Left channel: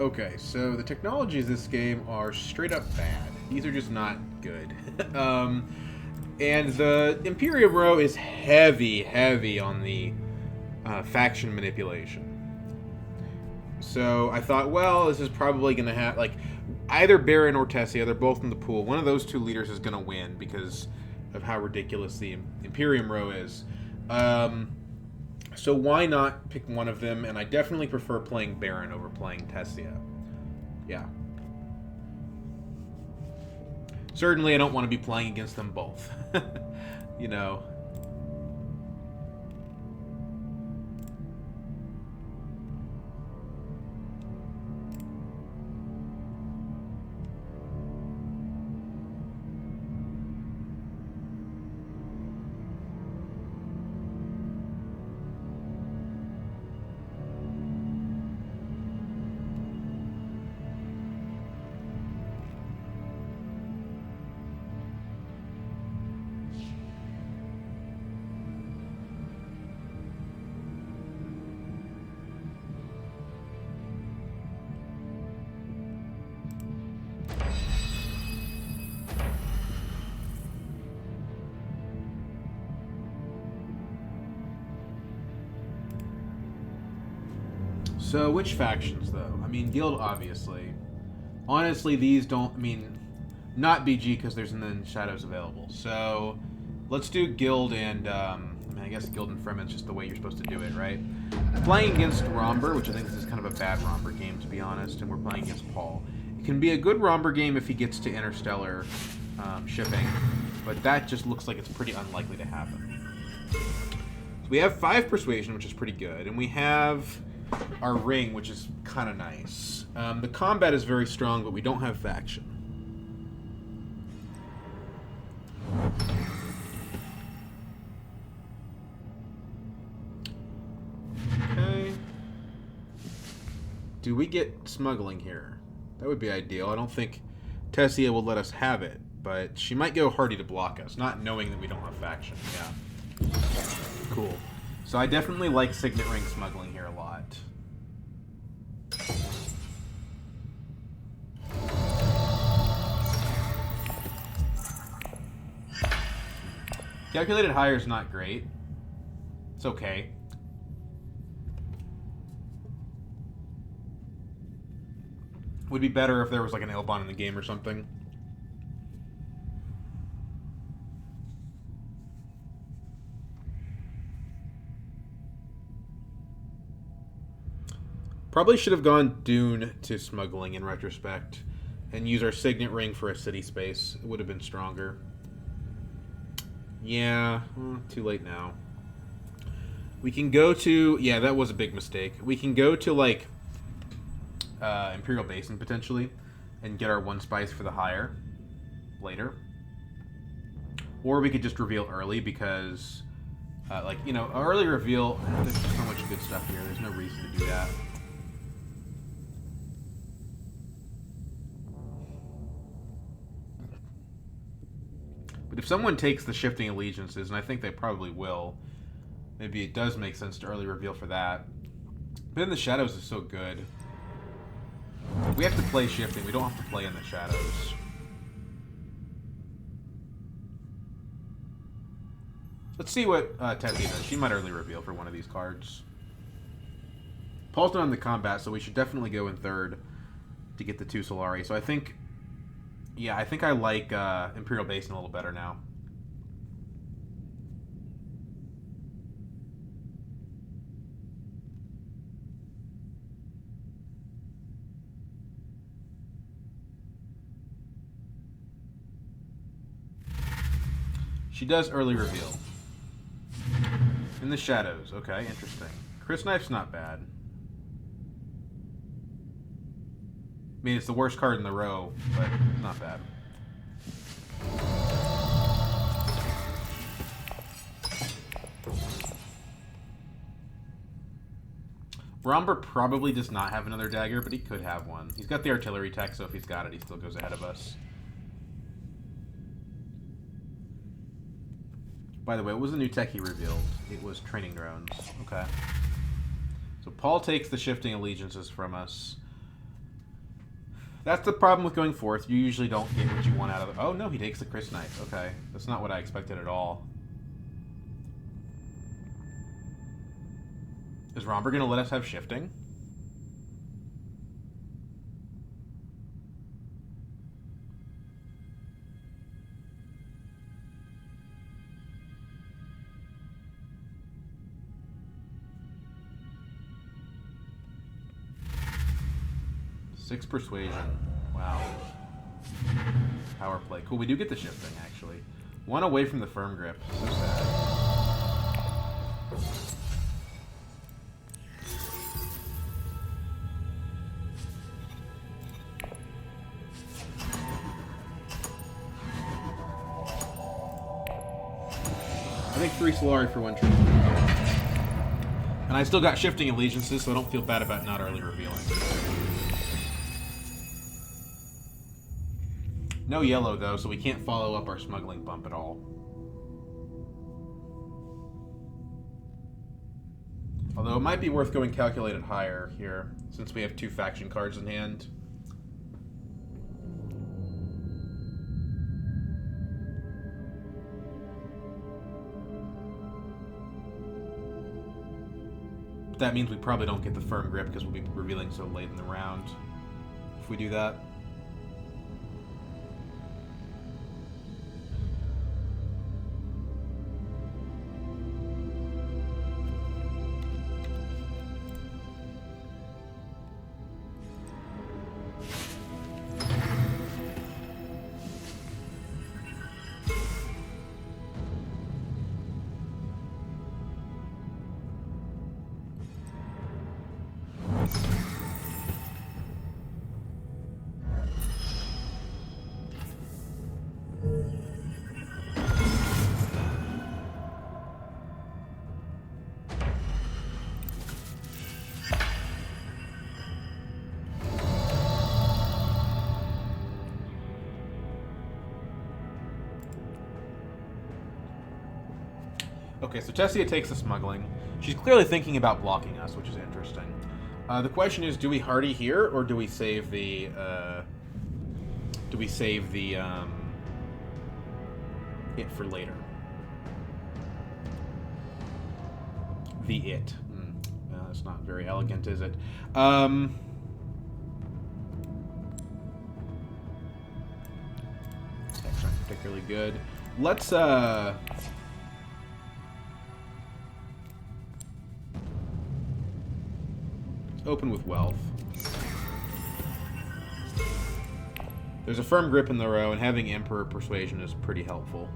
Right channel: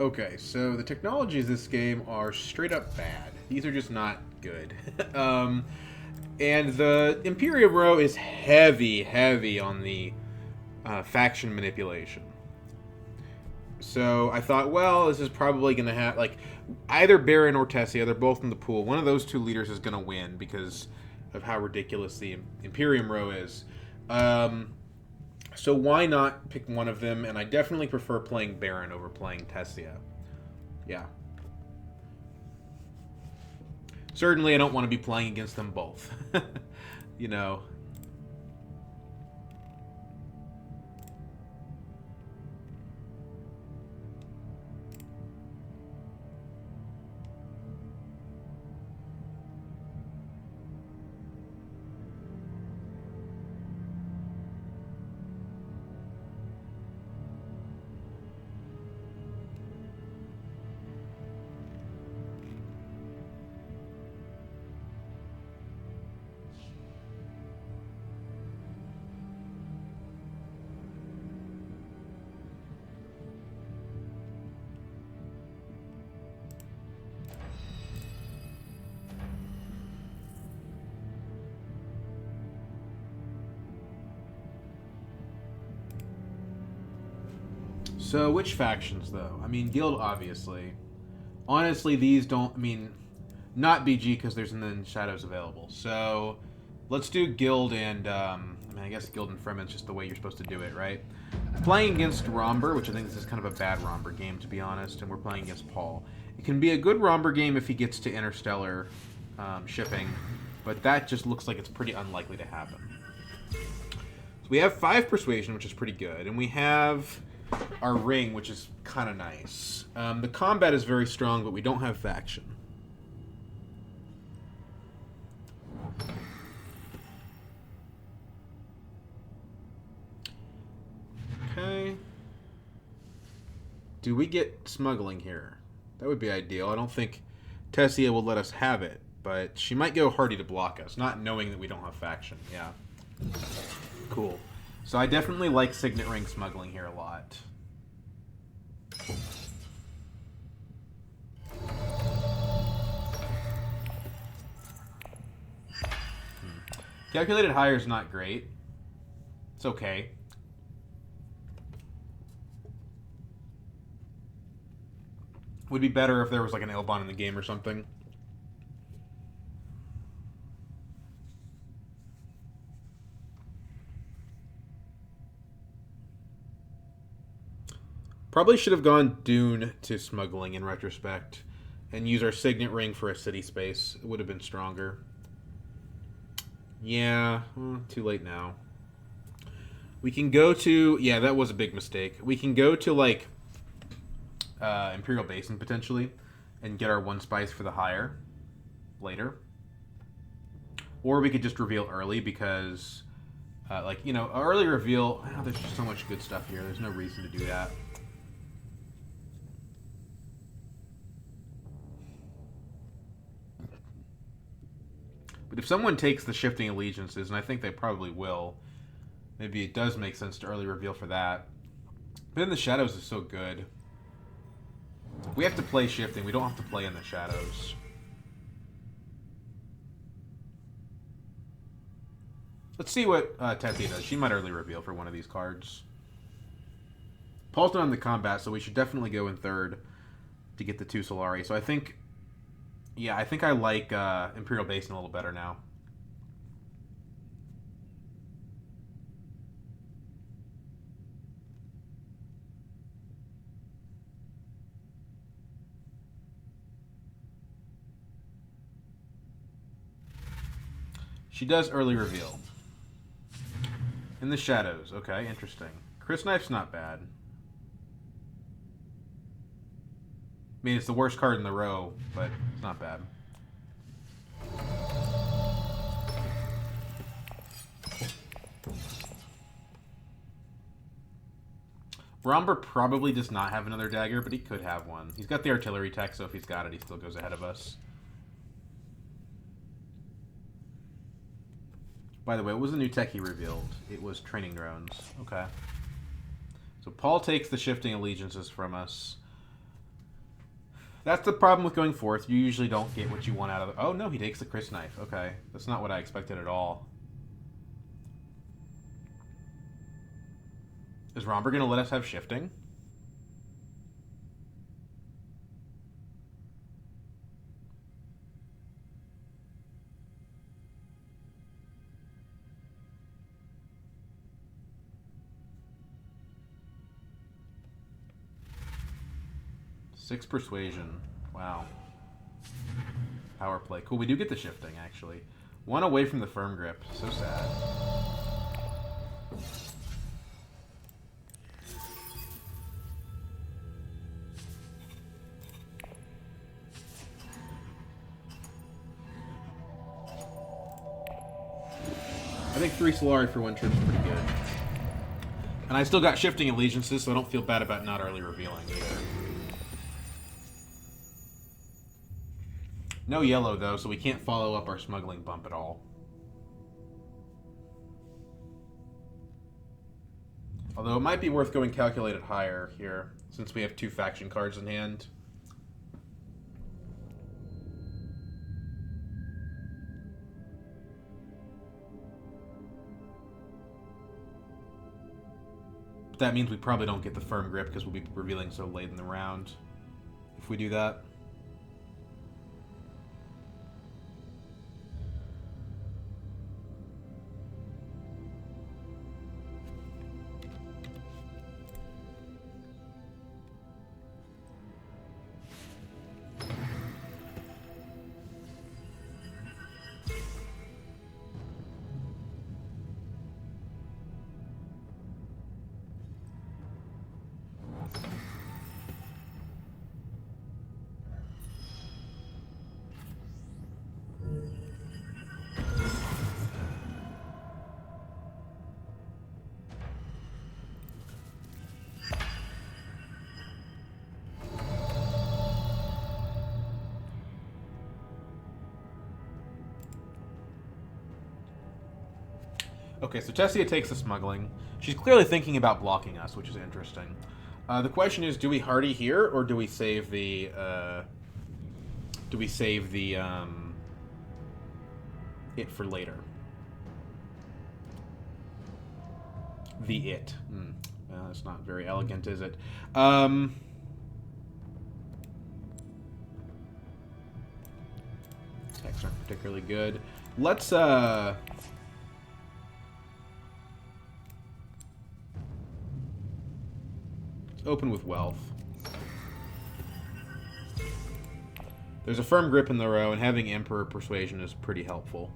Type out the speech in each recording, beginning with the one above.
Okay, so the technologies this game are straight up bad. These are just not good. um, and the Imperium row is heavy, heavy on the faction manipulation. So I thought, well, this is probably going to have like either Baron or Tessia. They're both in the pool. One of those two leaders is going to win because of how ridiculous the Imperium row is. Um, so why not pick one of them? And I definitely prefer playing Baron over playing Tessia. Yeah. Certainly, I don't want to be playing against them both. you know. So, which factions, though? I mean, Guild, obviously. Honestly, these don't. I mean, not BG because there's none Shadows available. So, let's do Guild and. I mean, I guess Guild and Fremen's just the way you're supposed to do it, right? Playing against Romber, which I think this is kind of a bad Romber game, to be honest, and we're playing against Paul. It can be a good Romber game if he gets to Interstellar shipping, but that just looks like it's pretty unlikely to happen. So we have 5 Persuasion, which is pretty good, and we have our ring, which is kind of nice. The combat is very strong, but we don't have faction. Okay. Do we get smuggling here? That would be ideal. I don't think Tessia will let us have it, but she might go hardy to block us, not knowing that we don't have faction. Yeah. Cool. So I definitely like Signet Ring smuggling here a lot. Calculated higher is not great. It's okay. Would be better if there was like an Elbon in the game or something. Probably should have gone Dune to smuggling in retrospect and use our Signet Ring for a city space. It would have been stronger. Yeah, well, too late now. We can go to... Yeah, that was a big mistake. We can go to, like, Imperial Basin, potentially, and get our 1 spice for the hire later. Or we could just reveal early because, like, you know, early reveal... There's just so much good stuff here. There's no reason to do that. But if someone takes the Shifting Allegiances, and I think they probably will, maybe it does make sense to early reveal for that. But in the Shadows is so good. We have to play Shifting. We don't have to play in the Shadows. Let's see what Tessia does. She might early reveal for one of these cards. Paul's not in the combat, so we should definitely go in third to get the 2 Solari. So I think... Yeah, I think I like Imperial Basin a little better now. She does early reveal. In the Shadows. Okay, interesting. Chris Knife's not bad. I mean, it's the worst card in the row, but it's not bad. Romber probably does not have another dagger, but he could have one. He's got the artillery tech, so if he's got it, he still goes ahead of us. By the way, what was the new tech he revealed? It was training drones. Okay. So Paul takes the Shifting Allegiances from us. That's the problem with going fourth. You usually don't get what you want out of it. Oh, no, he takes the Chris knife. Okay. That's not what I expected at all. Is Romber going to let us have shifting? Six persuasion. Wow. Power play. Cool, we do get the shifting, actually. One away from the firm grip. So sad. I think 3 Solari for 1 trip is pretty good. And I still got shifting allegiances, so I don't feel bad about not early revealing either. No yellow, though, so we can't follow up our smuggling bump at all. Although it might be worth going calculated higher here, since we have 2 faction cards in hand. That means we probably don't get the firm grip because we'll be revealing so late in the round if we do that. Okay, so Tessia takes the smuggling. She's clearly thinking about blocking us, which is interesting. The question is, do we hardy here, or do we save the... it for later? The it. That's not very elegant, is it? Attacks aren't particularly good. Let's, open with wealth. There's a firm grip in the row, and having Emperor Persuasion is pretty helpful.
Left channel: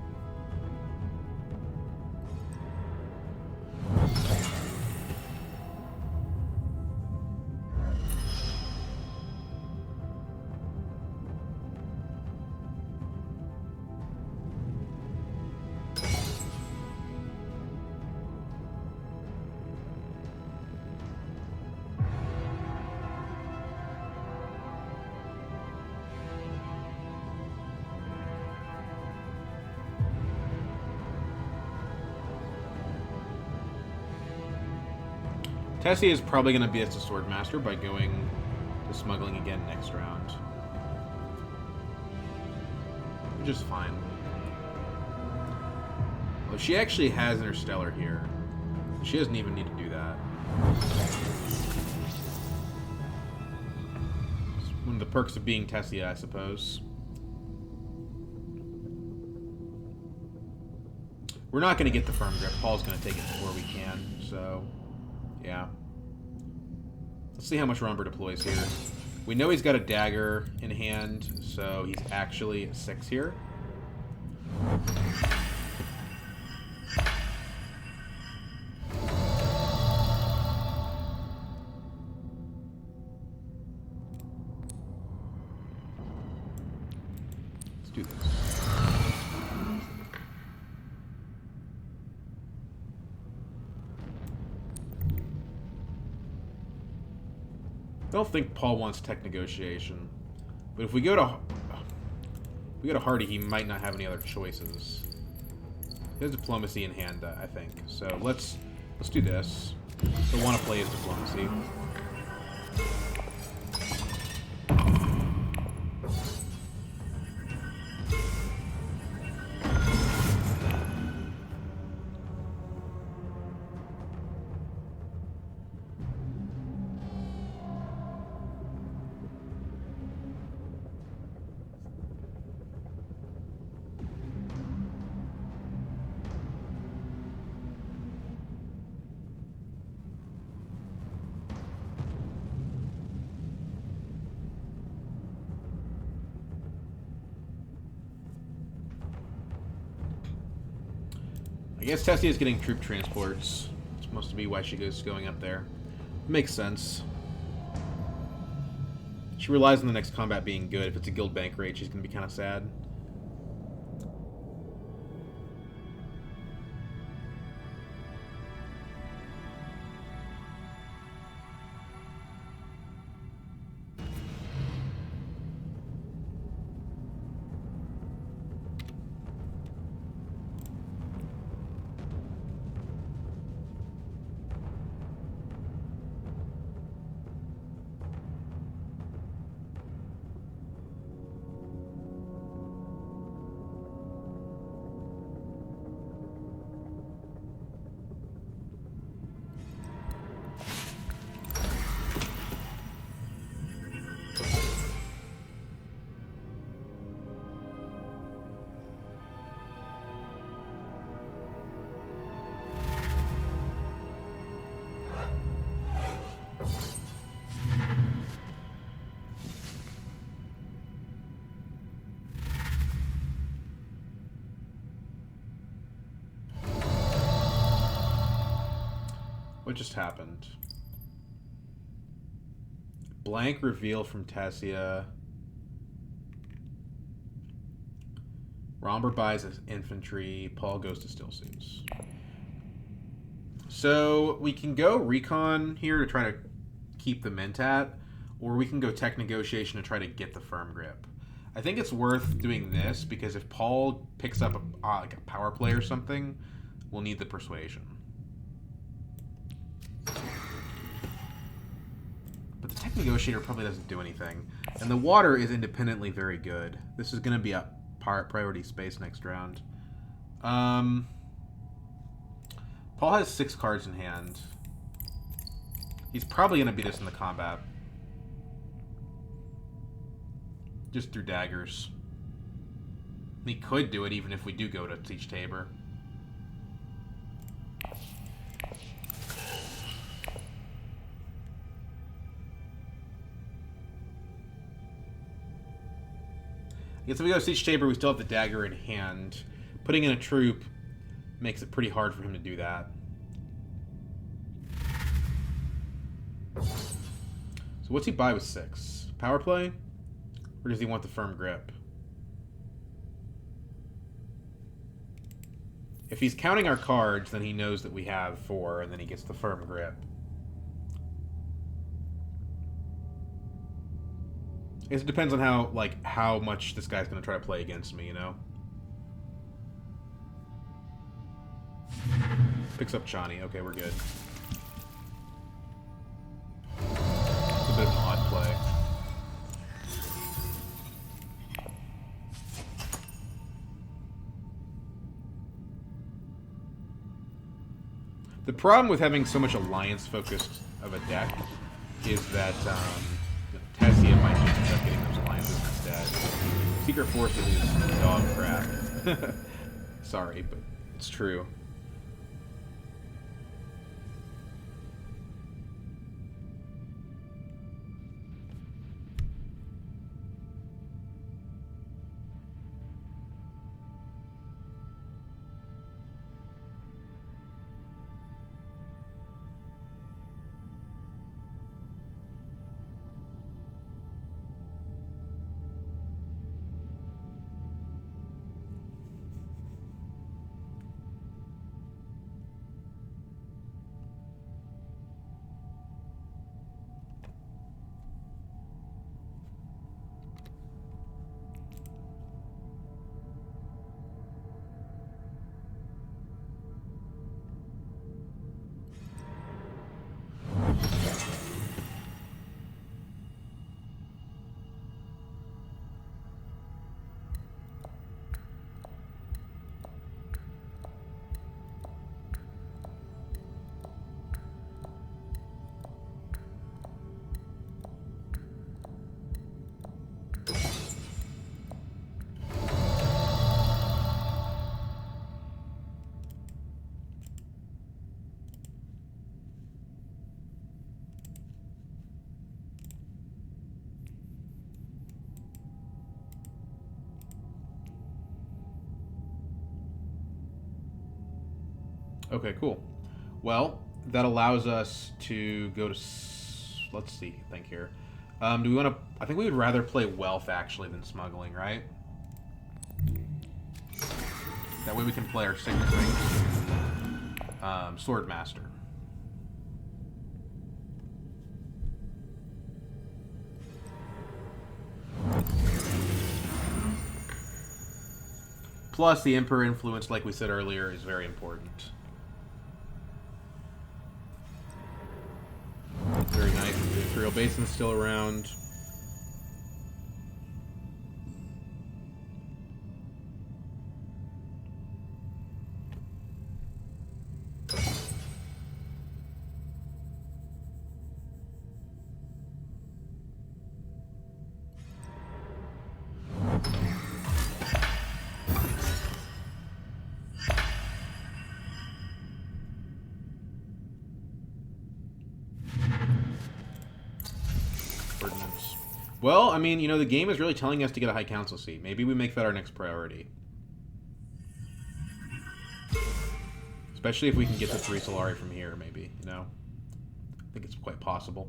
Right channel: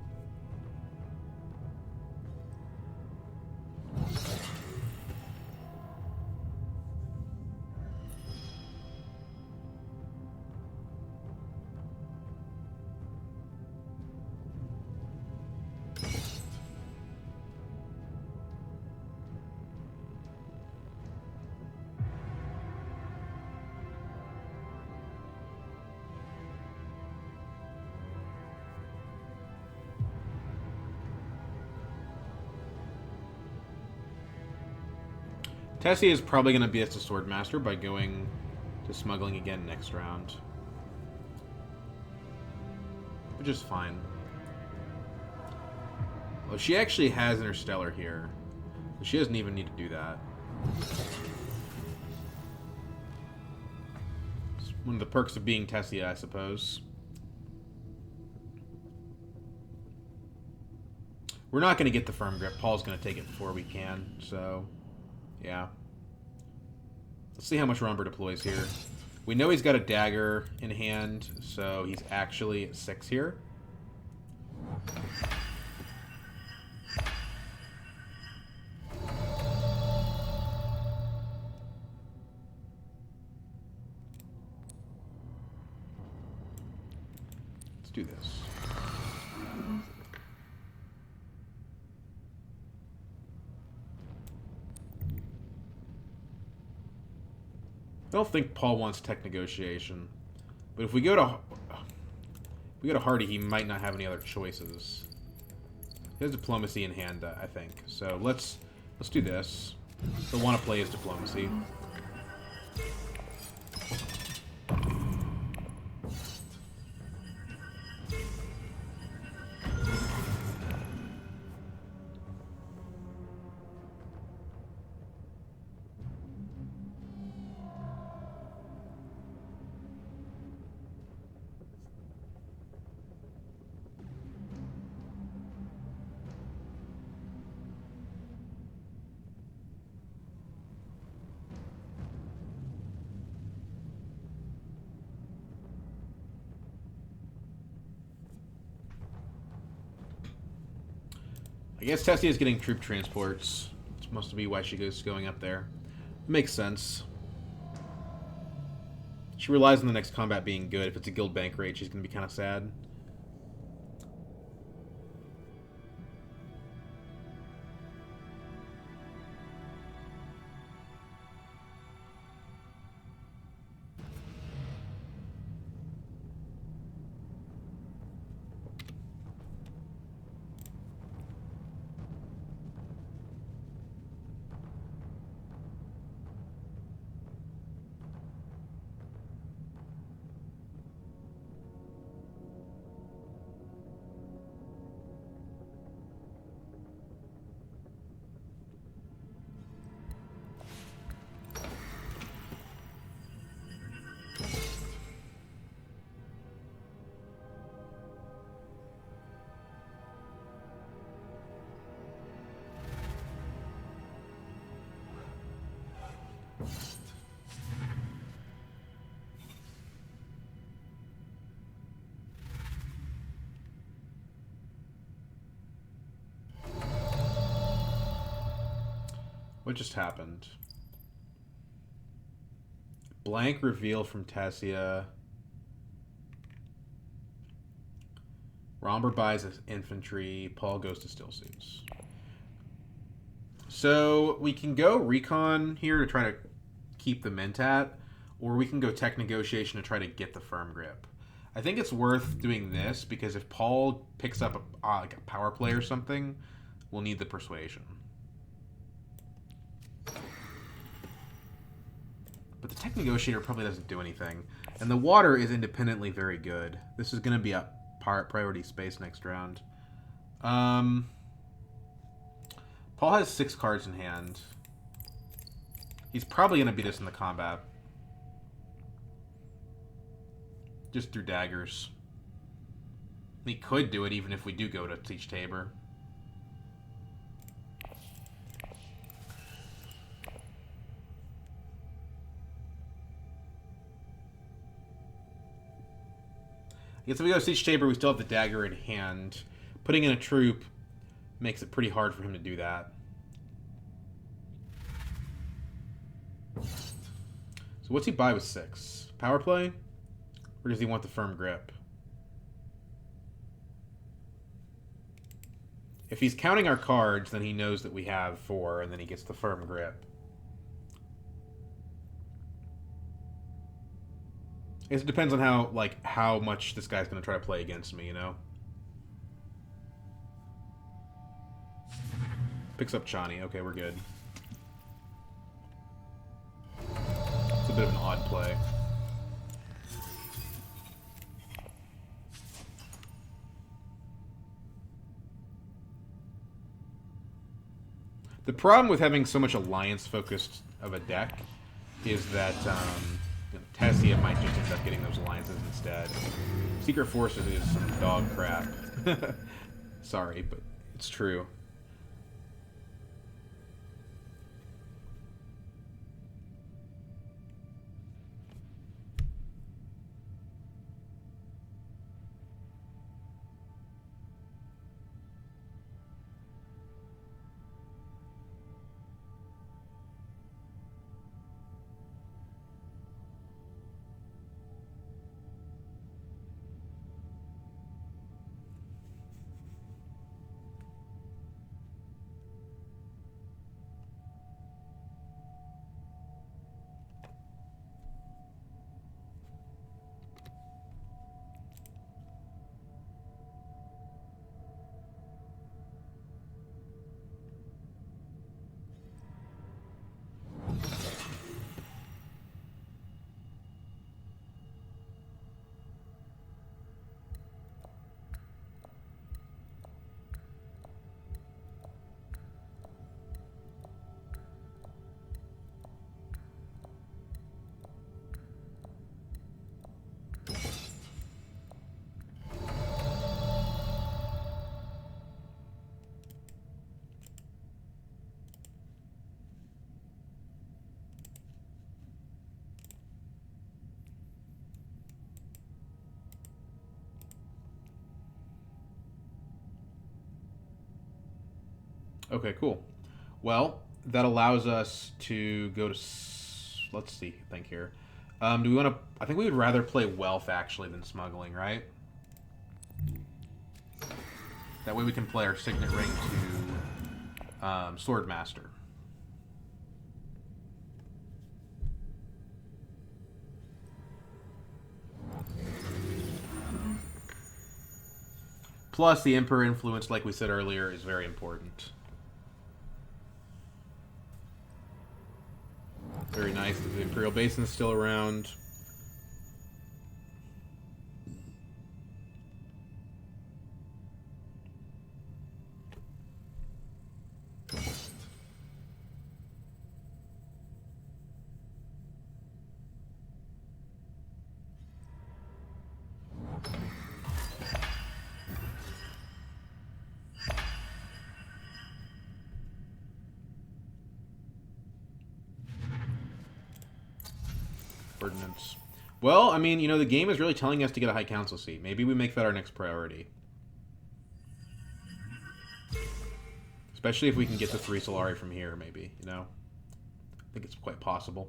Tessie is probably going to be as a sword master by going to smuggling again next round. Which is fine. Well, she actually has Interstellar here. She doesn't even need to do that. It's one of the perks of being Tessia, I suppose. We're not going to get the firm grip. Paul's going to take it before we can, so... yeah. Let's see how much Romber deploys here. We know he's got a dagger in hand, so he's actually 6 here. Let's do this. I don't think Paul wants tech negotiation, but if we go to Hardy, he might not have any other choices. He has diplomacy in hand, I think. So let's do this. He'll want to play his diplomacy. guess Tessie is getting troop transports. It's supposed to be why she goes going up there. Makes sense. She relies on the next combat being good. If it's a guild bank raid, she's going to be kind of sad. What just happened? Blank reveal from Tassia. Romber buys infantry. Paul goes to still suits. So we can go recon here to try to keep the Mentat, or we can go tech negotiation to try to get the firm grip. I think it's worth doing this because if Paul picks up like a power play or something, we'll need the persuasion. But the tech negotiator probably doesn't do anything. And the water is independently very good. This is going to be a priority space next round. Paul has 6 cards in hand. He's probably going to beat us in the combat. Just through daggers. He could do it even if we do go to Teach Tabor. I guess if we go to Siege Tabor, we still have the dagger in hand. Putting in a troop makes it pretty hard for him to do that. So what's he buy with 6? Power play? Or does he want the firm grip? If he's counting our cards, then he knows that we have 4, and then he gets the firm grip. It depends on how much this guy's going to try to play against me, you know? Picks up Chani. Okay, we're good. It's a bit of an odd play. The problem with having so much alliance-focused of a deck is that Tessia might just end up getting those alliances instead. Secret Forces is dog crap. Sorry, but it's true. Okay, cool. Well, that allows us to go to... Let's see, think here. Do we want to... I think we would rather play Wealth, actually, than Smuggling, right? That way we can play our Signet Ring to Swordmaster. Plus, the Emperor influence, like we said earlier, is very important. Very nice. The Imperial Basin's still around. Ordnance. Well, I mean, you know, the game is really telling us to get a High Council seat. Maybe we make that our next priority. Especially if we can get the 3 Solari from here, maybe, you know? I think it's quite possible.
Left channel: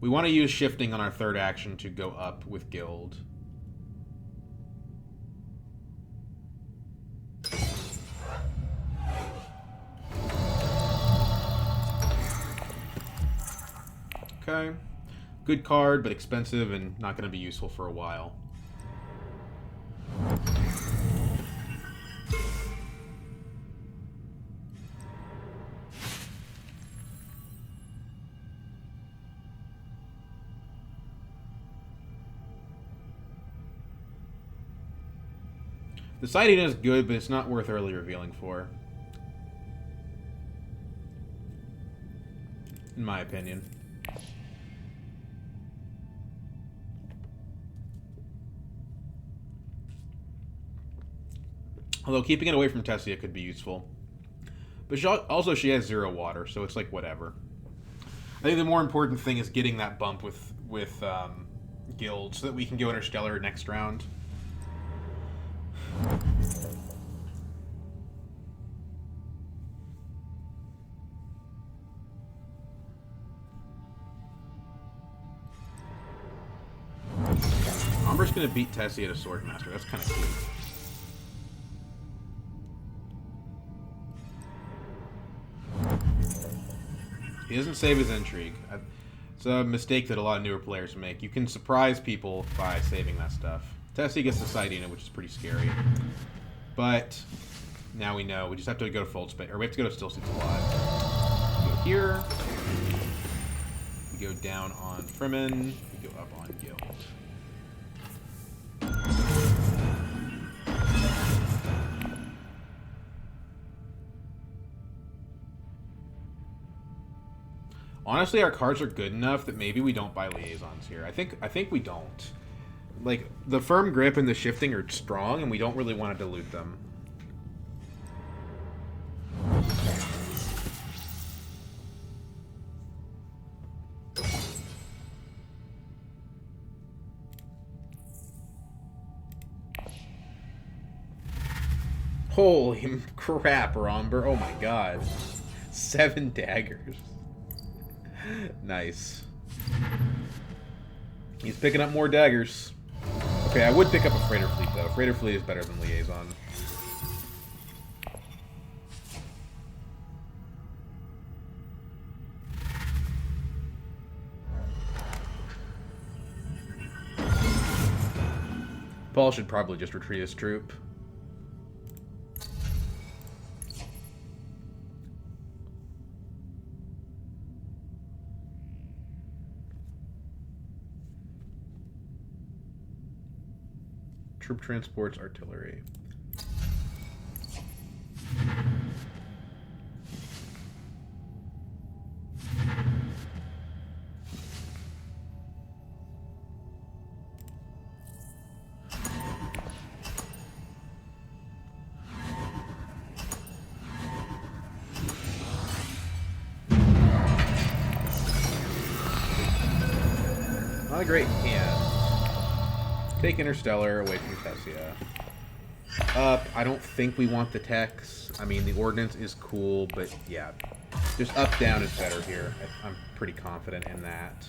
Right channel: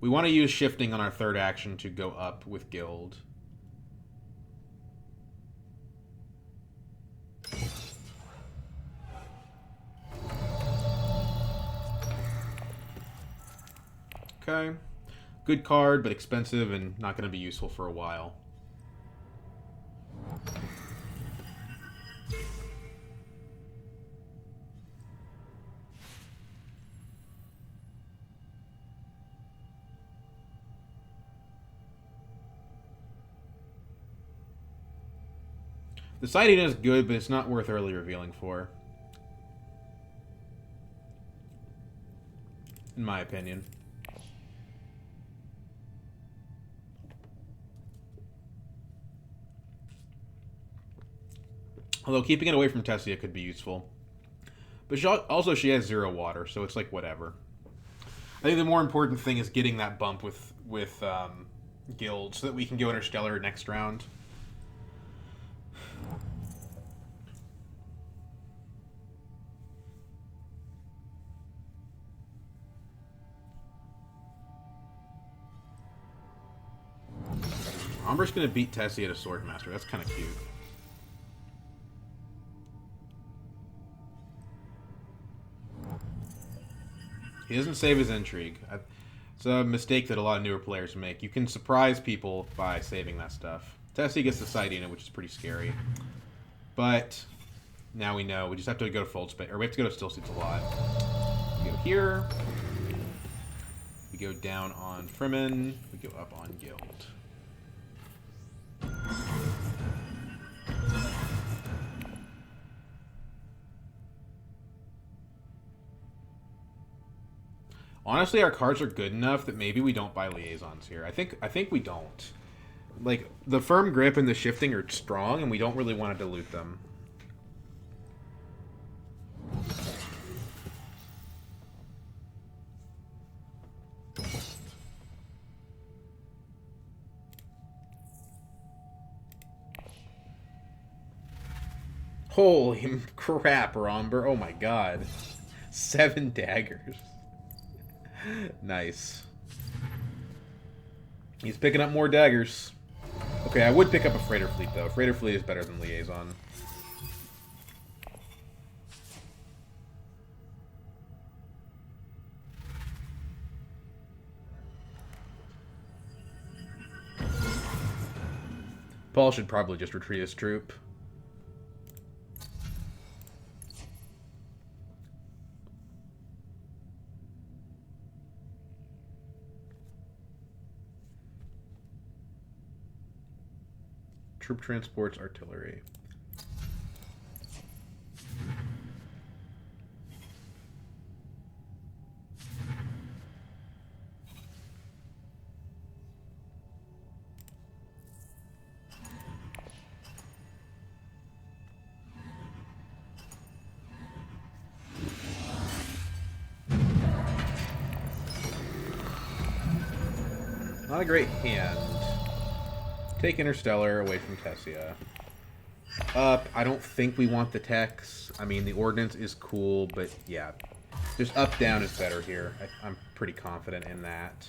We want to use shifting on our third action to go up with Guild. Okay. Good card, but expensive and not going to be useful for a while. The sighting is good, but it's not worth early revealing for. In my opinion. Although keeping it away from Tessia could be useful. But she has 0 water, so it's like whatever. I think the more important thing is getting that bump with Guild so that we can go Interstellar next round. Umber's gonna beat Tessia to Swordmaster. That's kind of cute. He doesn't save his intrigue. It's a mistake that a lot of newer players make. You can surprise people by saving that stuff. Tessie gets the sighting, which is pretty scary. But now we know. We just have to go to Fold Space. Or we have to go to Still Seats a lot. We go here. We go down on Fremen. We go up on Guild. Honestly, our cards are good enough that maybe we don't buy liaisons here. I think we don't. Like, the firm grip and the shifting are strong, and we don't really want to dilute them. Holy crap, Romber. Oh my god. 7 daggers. Nice. He's picking up more daggers. Okay, I would pick up a freighter fleet, though. Freighter fleet is better than liaison. Paul should probably just retreat his troop. Troop transports, artillery. Not a great hand. Take Interstellar away from Tessia. Up. I don't think we want the techs. I mean, the ordnance is cool, but yeah. Just up, down is better here. I'm pretty confident in that.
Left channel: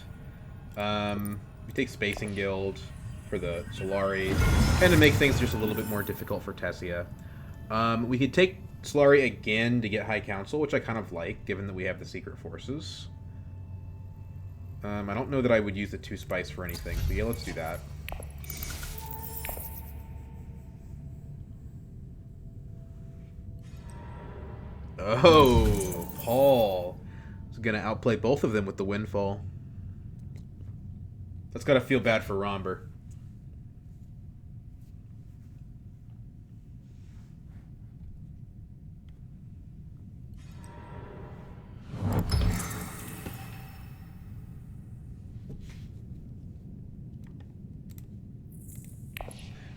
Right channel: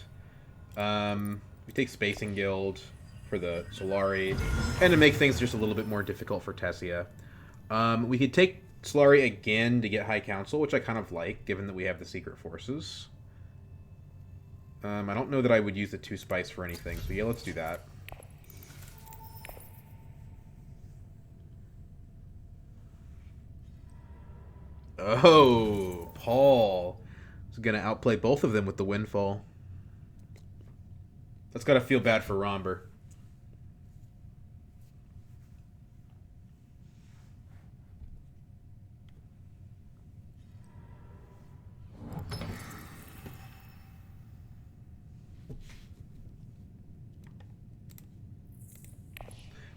We take Spacing Guild for the Solari, and to make things just a little bit more difficult for Tessia. We could take Solari again to get High Council, which I kind of like, given that we have the Secret Forces. I don't know that I would use the 2 Spice for anything, so yeah, let's do that. Oh, Paul is going to outplay both of them with the Windfall. That's got to feel bad for Romber.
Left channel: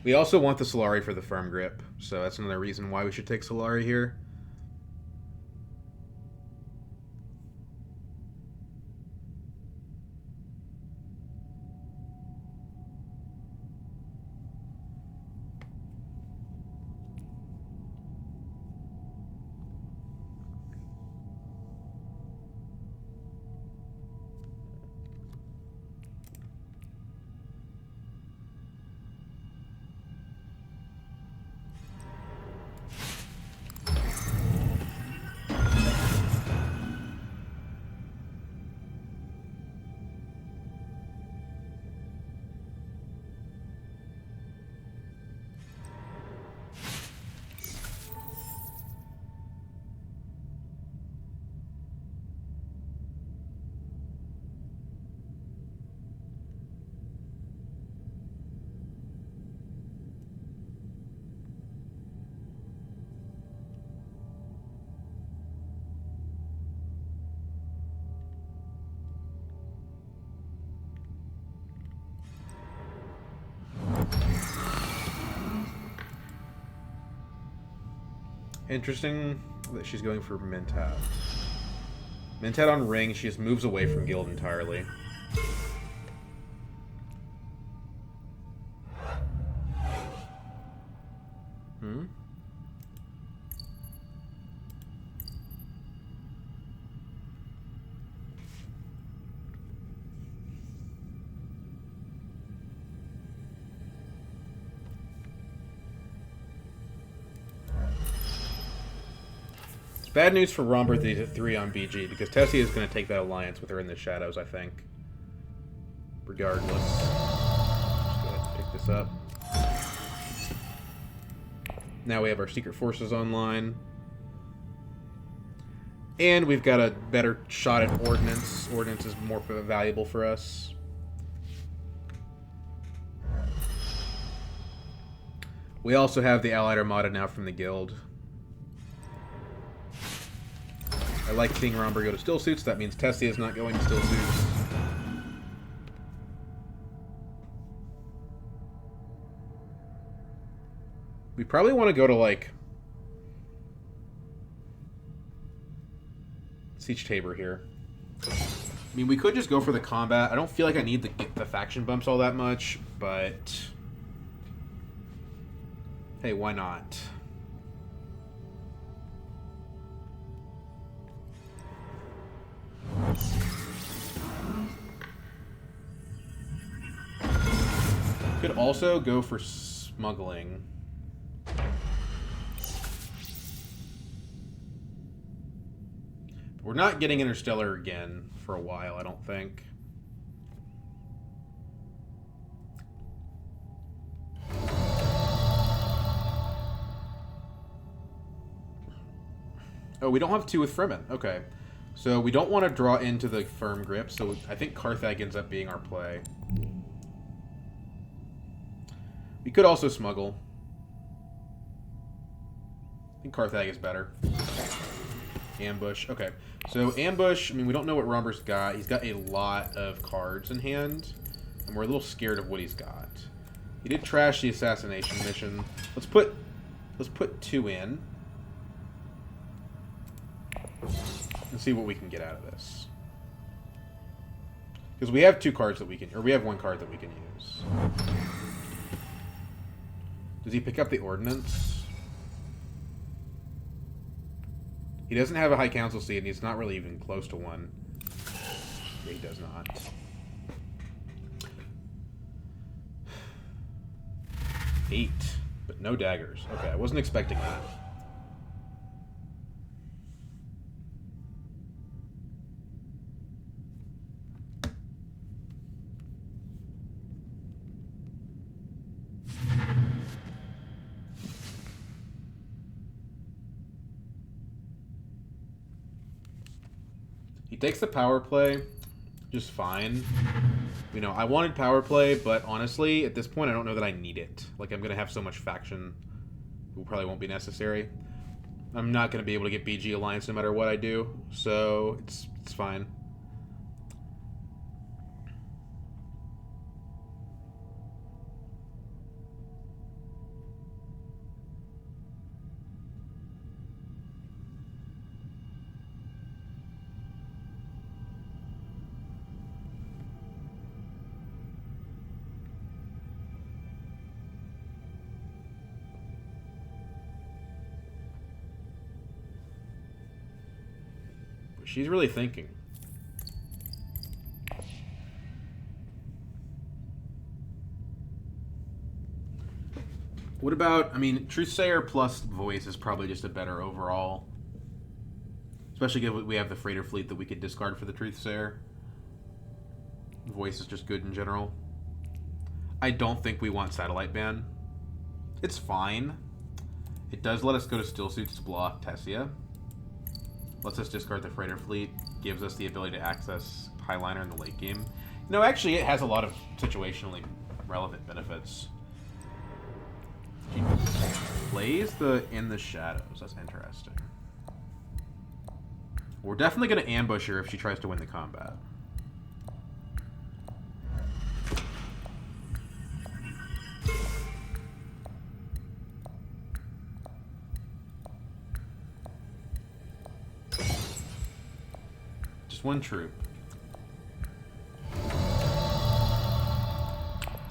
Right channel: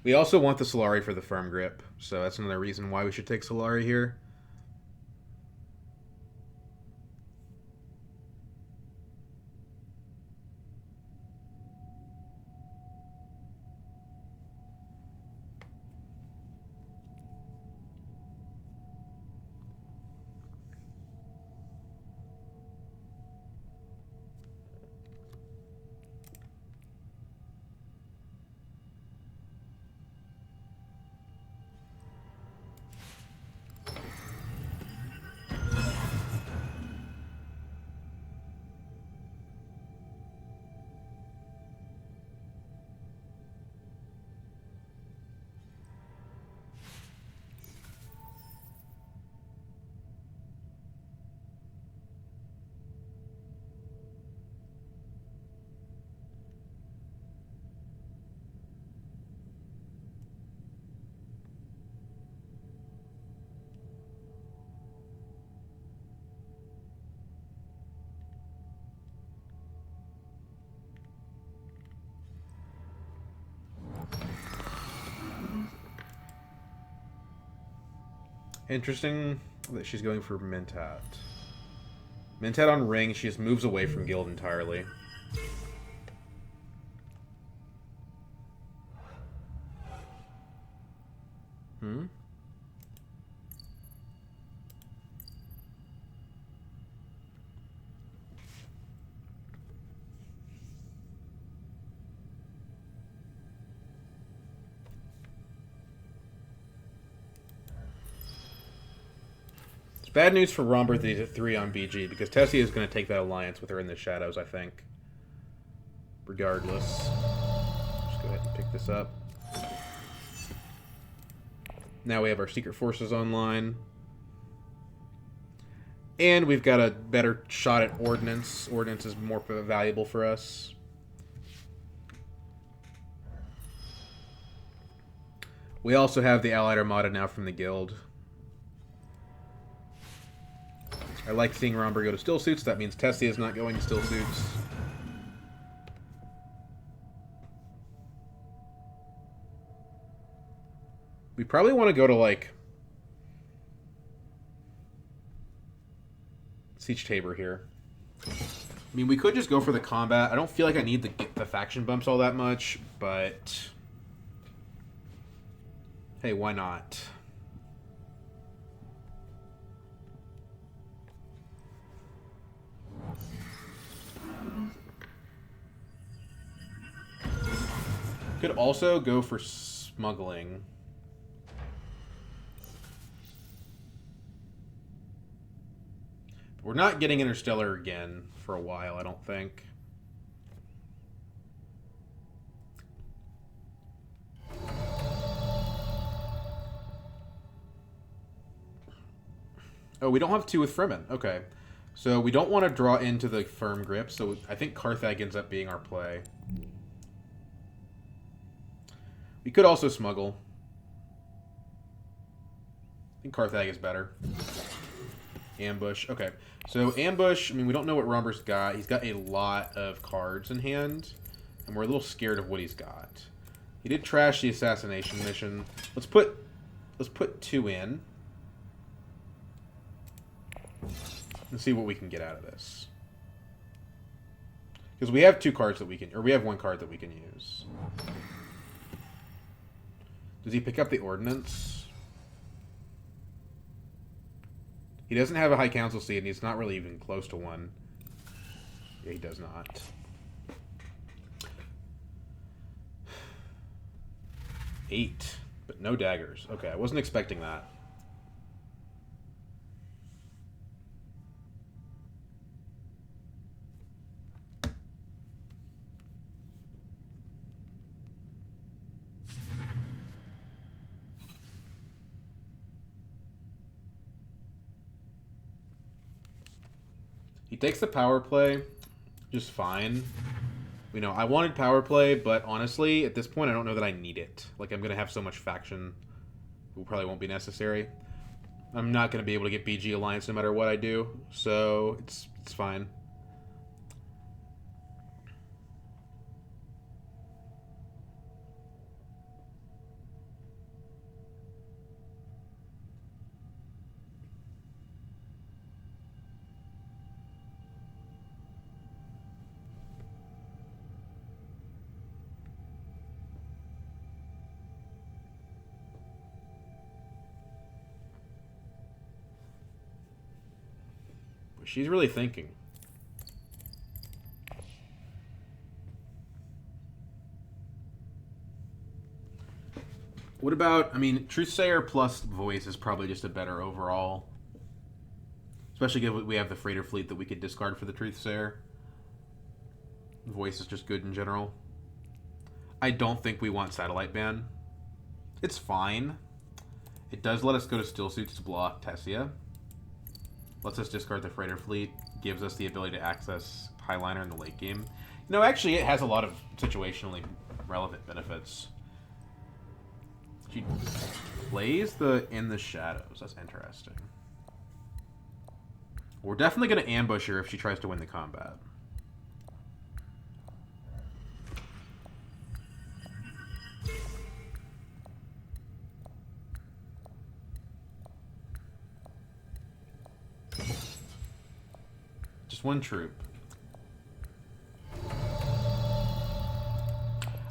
We also want the Solari for the Firm Grip, so that's another reason why we should take Solari here. Interesting that she's going for Mentat. Mentat on Ring, she just moves away from Guild entirely. Bad news for Romber that he's at 3 on BG, because Tessie is going to take that alliance with her in the shadows, I think. Regardless. Just go ahead and pick this up. Now we have our Secret Forces online. And we've got a better shot at Ordnance. Ordnance is more valuable for us. We also have the Allied Armada now from the Guild. I like seeing Romber go to Still Suits. That means Tessie is not going to Still Suits. We probably want to go to, like, Siege Tabor here. I mean, we could just go for the combat. I don't feel like I need the faction bumps all that much, but hey, why not? Could also go for smuggling. We're not getting Interstellar again for a while, I don't think. Oh, we don't have 2 with Fremen. Okay. So we don't want to draw into the Firm Grip, so I think Carthag ends up being our play. We could also smuggle. I think Carthag is better. Ambush. Okay. So ambush, I mean, we don't know what Romber's got. He's got a lot of cards in hand, and we're a little scared of what he's got. He did trash the assassination mission. Let's put 2 in. And see what we can get out of this. Because we have 2 cards that we can, or we have 1 card that we can use. Does he pick up the ordnance? He doesn't have a high council seat, and he's not really even close to one. Yeah, he does not. Eight, but no daggers. Okay, I wasn't expecting that. He takes the power play just fine. You know, I wanted power play, but honestly, at this point, I don't know that I need it. Like, I'm going to have so much faction, it probably won't be necessary. I'm not going to be able to get BG Alliance no matter what I do, so it's fine. She's really thinking. What about, I mean, Truthsayer plus Voice is probably just a better overall. Especially given we have the freighter fleet that we could discard for the Truthsayer. Voice is just good in general. I don't think we want Satellite Ban. It's fine. It does let us go to Still Suits to block Tessia. Lets us discard the freighter fleet. Gives us the ability to access Highliner in the late game. No, actually, it has a lot of situationally relevant benefits. She plays the In the Shadows. That's interesting. We're definitely going to ambush her if she tries to win the combat. One troop.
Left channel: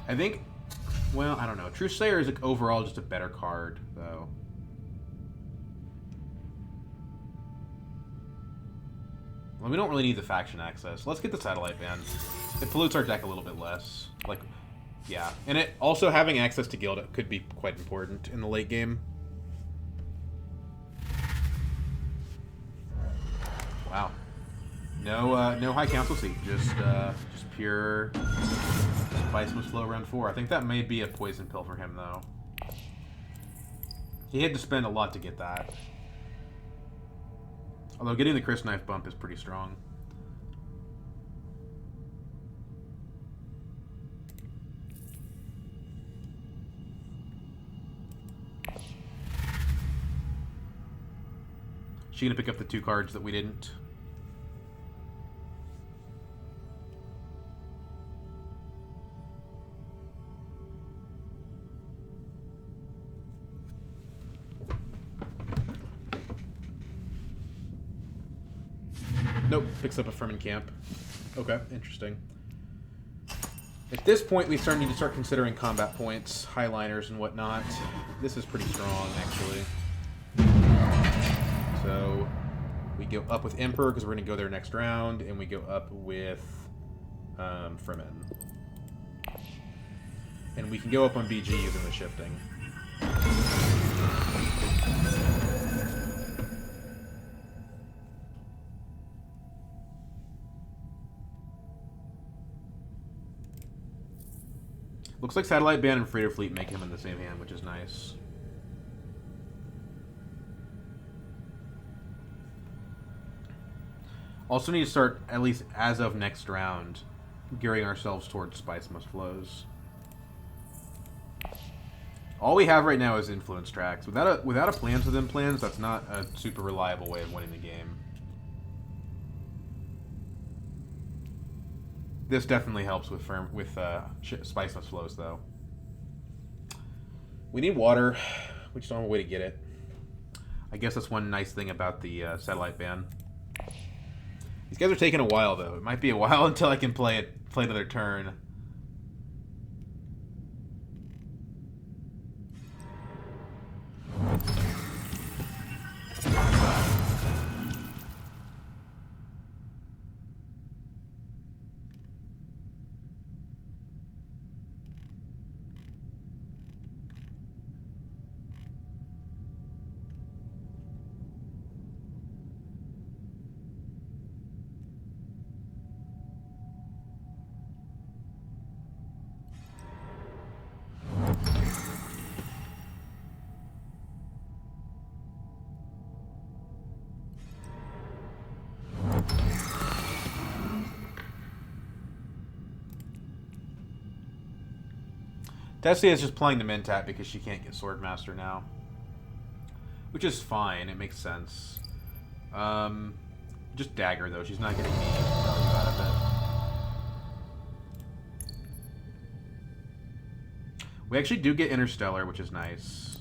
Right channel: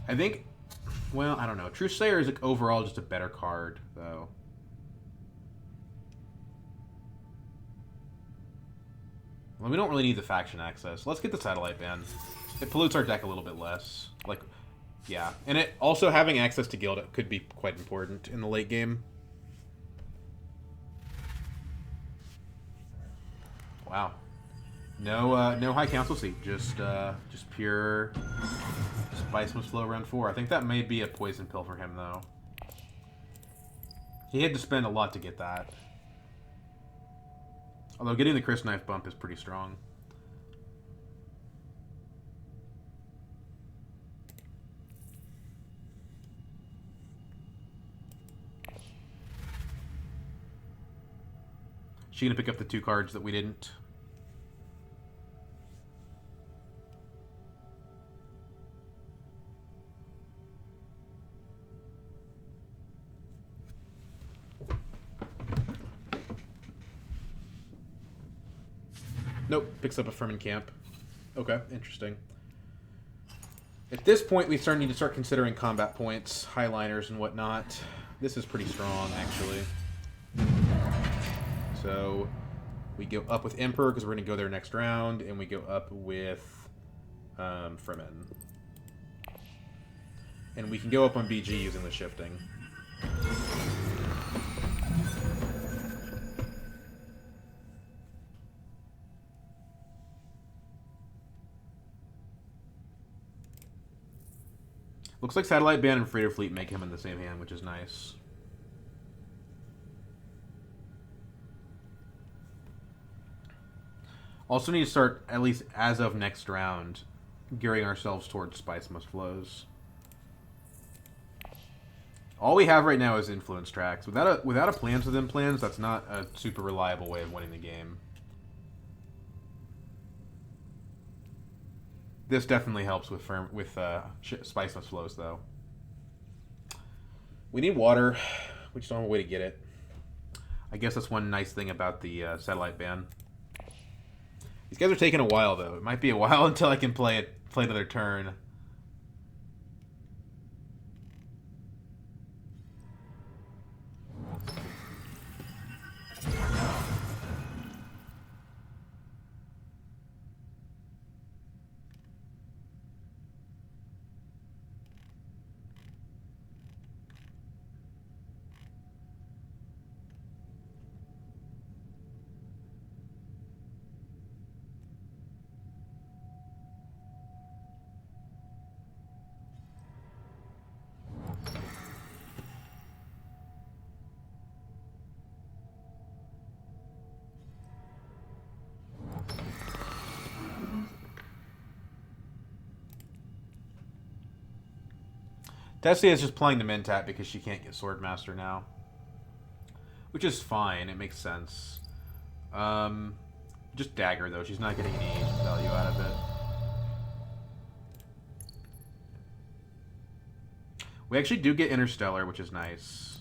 I think, well, I don't know. Truthsayer is like overall just a better card, though. Well, we don't really need the faction access. Let's get the Satellite Ban. It pollutes our deck a little bit less. Like, yeah. And it also having access to Guild could be quite important in the late game. Wow. No high council seat, just pure Spice Must Flow round 4. I think that may be a poison pill for him, though. He had to spend a lot to get that. Although getting the Crisp Knife bump is pretty strong. She gonna pick up the 2 cards that we didn't? Nope, picks up a Fermin Camp. Okay, interesting. At this point, we need to start considering combat points, highliners, and whatnot. This is pretty strong, actually. So, we go up with Emperor, because we're going to go there next round, and we go up with Fermin. And we can go up on BG using the shifting. Looks like Satellite Ban and Freighter Fleet make him in the same hand, which is nice. Also need to start, at least as of next round, gearing ourselves towards Spice Must Flows. All we have right now is Influence Tracks. Without a plans within plans, that's not a super reliable way of winning the game. This definitely helps with Spice Must Flows, though. We need water. We just don't have a way to get it. I guess that's one nice thing about the Satellite Ban. These guys are taking a while, though. It might be a while until I can play another turn. Tessia is just playing the Mentat because she can't get Swordmaster now. Which is fine. It makes sense. Just Dagger, though. She's not getting any value out of it. We actually do get Interstellar, which is nice.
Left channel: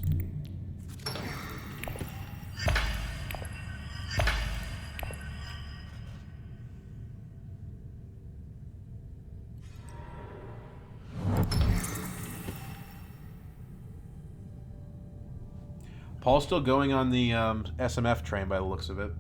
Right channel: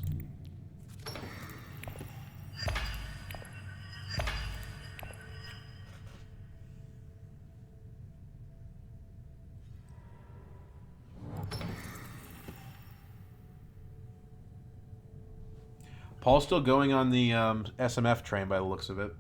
Paul's still going on the SMF train by the looks of it.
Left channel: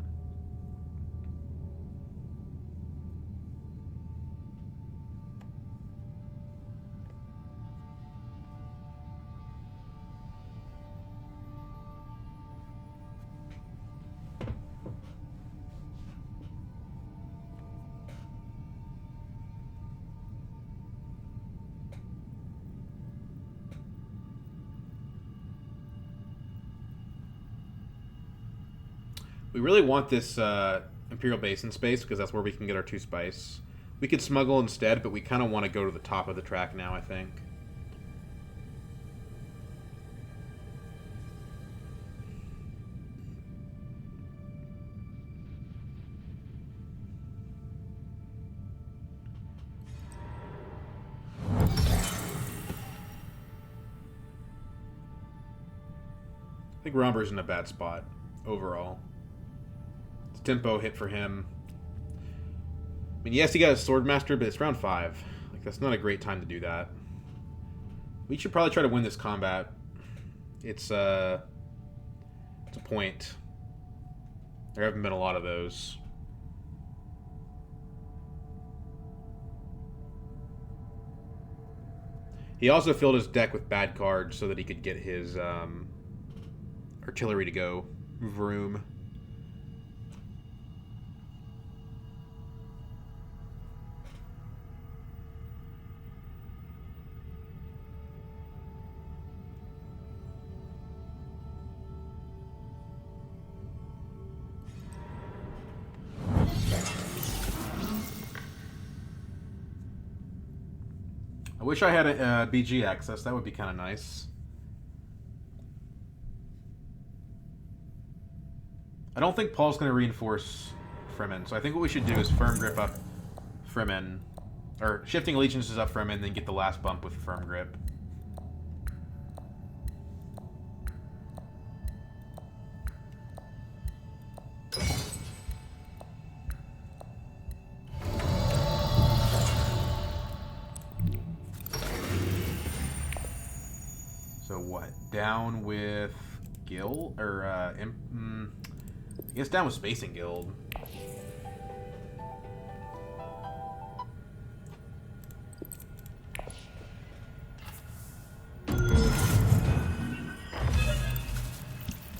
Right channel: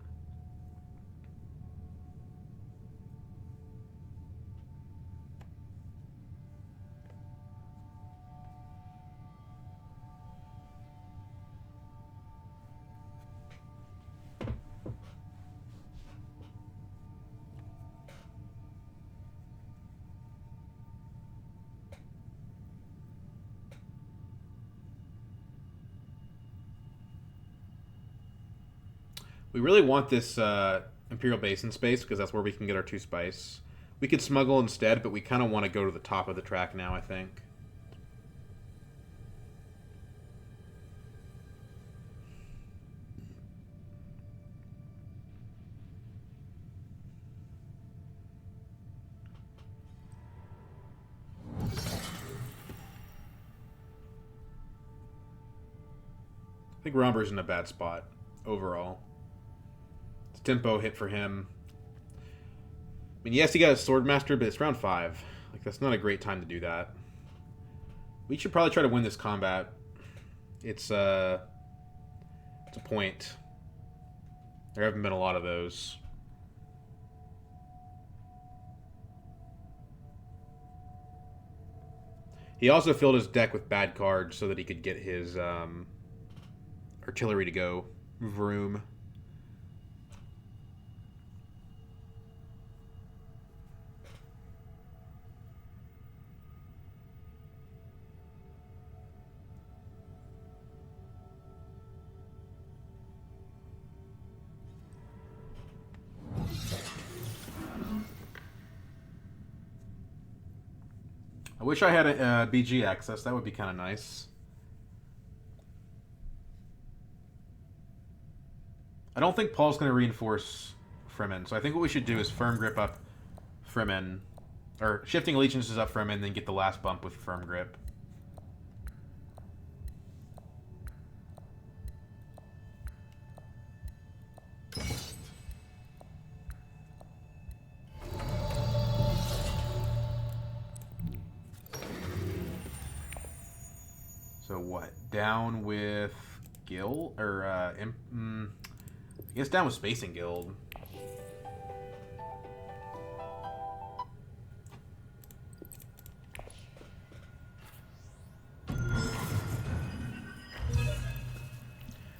We really want this Imperial Basin space because that's where we can get our 2 spice. We could smuggle instead, but we kind of want to go to the top of the track now, I think. I think Romber's in a bad spot overall. Tempo hit for him. I mean, yes, he got a Swordmaster, but it's round 5. Like, that's not a great time to do that. We should probably try to win this combat. It's a point. There haven't been a lot of those. He also filled his deck with bad cards so that he could get his artillery to go. Vroom. I wish I had a BG access. That would be kind of nice. I don't think Paul's going to reinforce Fremen, so I think what we should do is Firm Grip up Fremen. Or Shifting Allegiances up Fremen, then get the last bump with Firm Grip. So what? Down with Guild? Or, I guess down with Spacing Guild.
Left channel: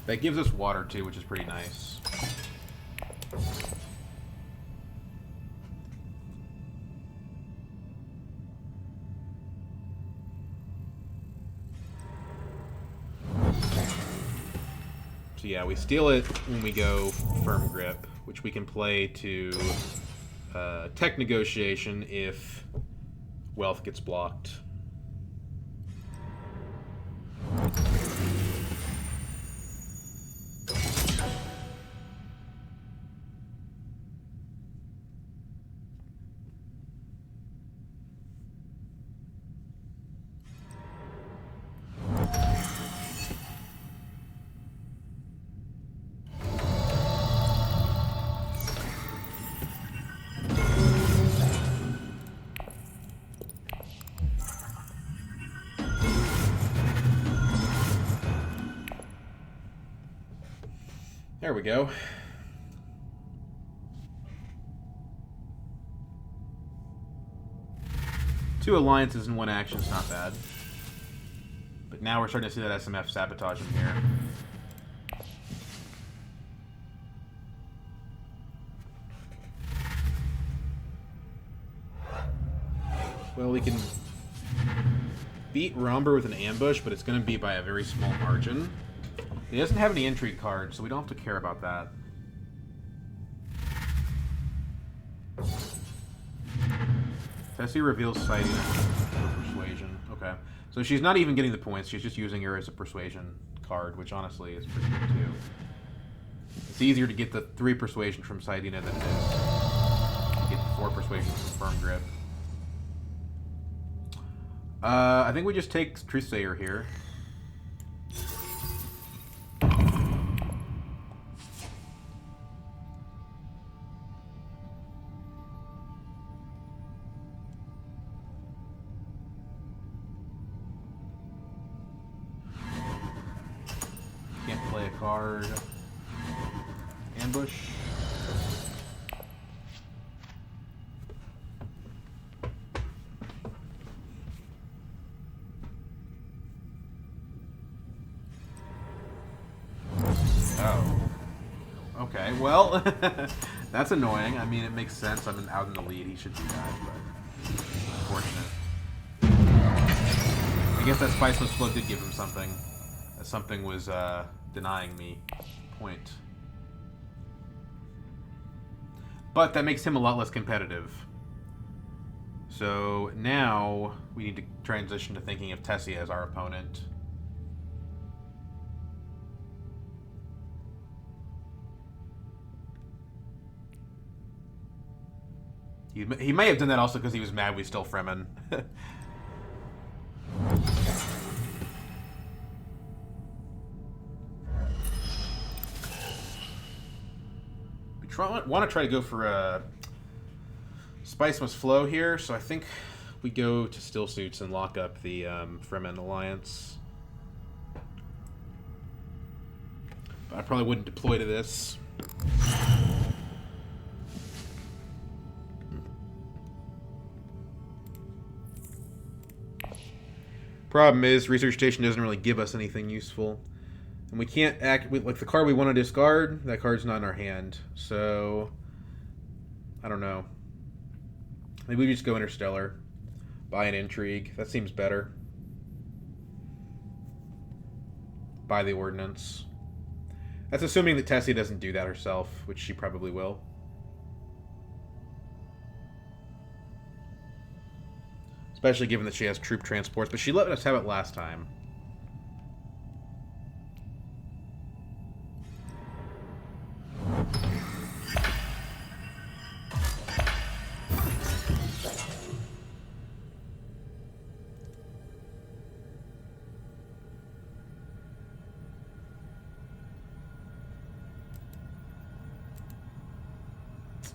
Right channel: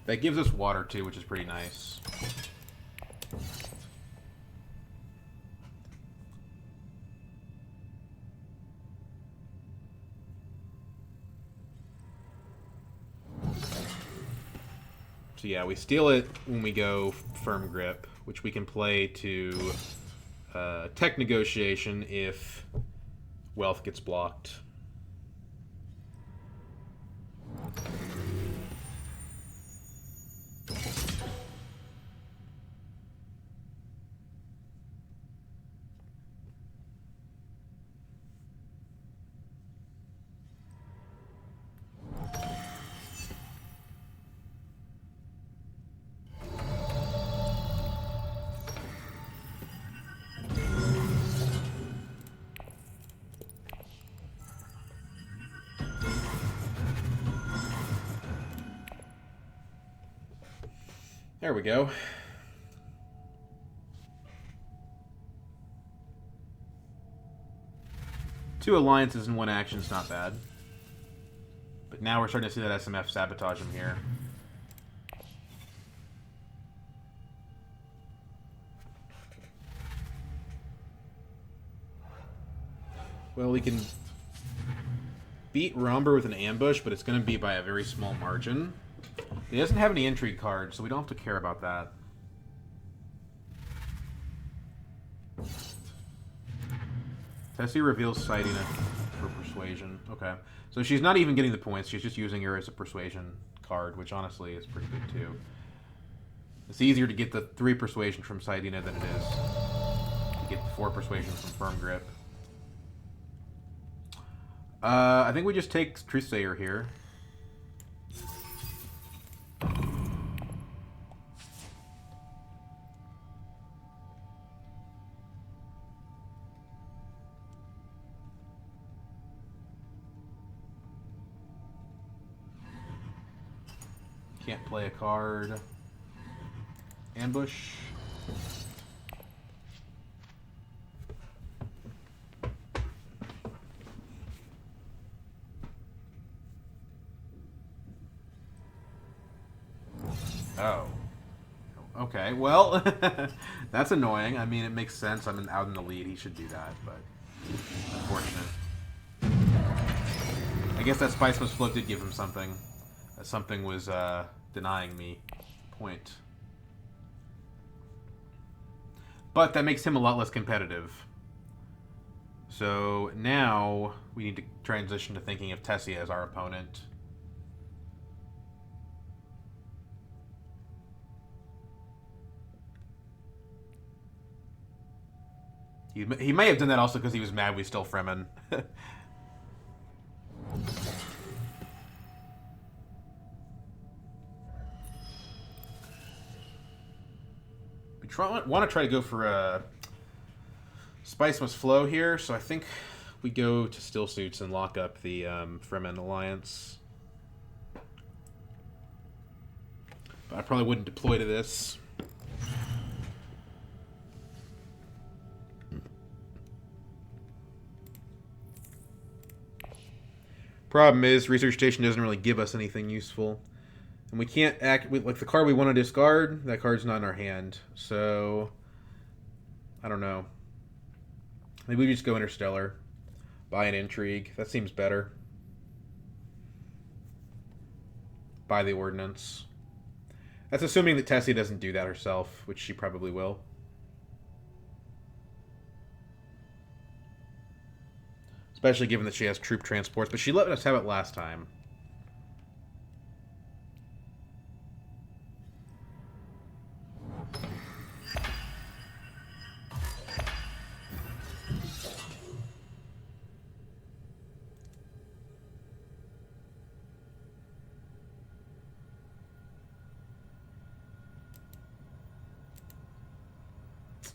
That gives us water too, which is pretty nice. So yeah, we steal it when we go Firm Grip, which we can play to Tech Negotiation if wealth gets blocked. There we go. Two alliances in one action is not bad. But now we're starting to see that SMF sabotage him here. Well, we can beat Romber with an ambush, but it's going to be by a very small margin. He doesn't have any intrigue cards, so we don't have to care about that. Tessie reveals sighting it. for persuasion. Okay. So she's not even getting the points. She's just using her as a persuasion card, which honestly is pretty good too. It's easier to get the 3 persuasion from Saidina than it is to get the 4 persuasion from Firm Grip. I think we just take Truthsayer here. Can't play a card. Ambush. Oh. Okay, well, that's annoying. I mean, it makes sense. I'm out in the lead. He should do that, but unfortunate. I guess that Spice Must Flow did give him something. Something was denying me point. But that makes him a lot less competitive. So now we need to transition to thinking of Tessie as our opponent. He may have done that also because he was mad we stole Fremen. Want to try to go for a Spice Must Flow here, so I think we go to Still Suits and lock up the Fremen Alliance. But I probably wouldn't deploy to this. Problem is, Research Station doesn't really give us anything useful. And we can't act... like, the card we want to discard, that card's not in our hand. So... I don't know. Maybe we just go Interstellar. Buy an Intrigue. That seems better. Buy the Ordnance. That's assuming that Tessie doesn't do that herself, which she probably will. Especially given that she has troop transports, but she let us have it last time.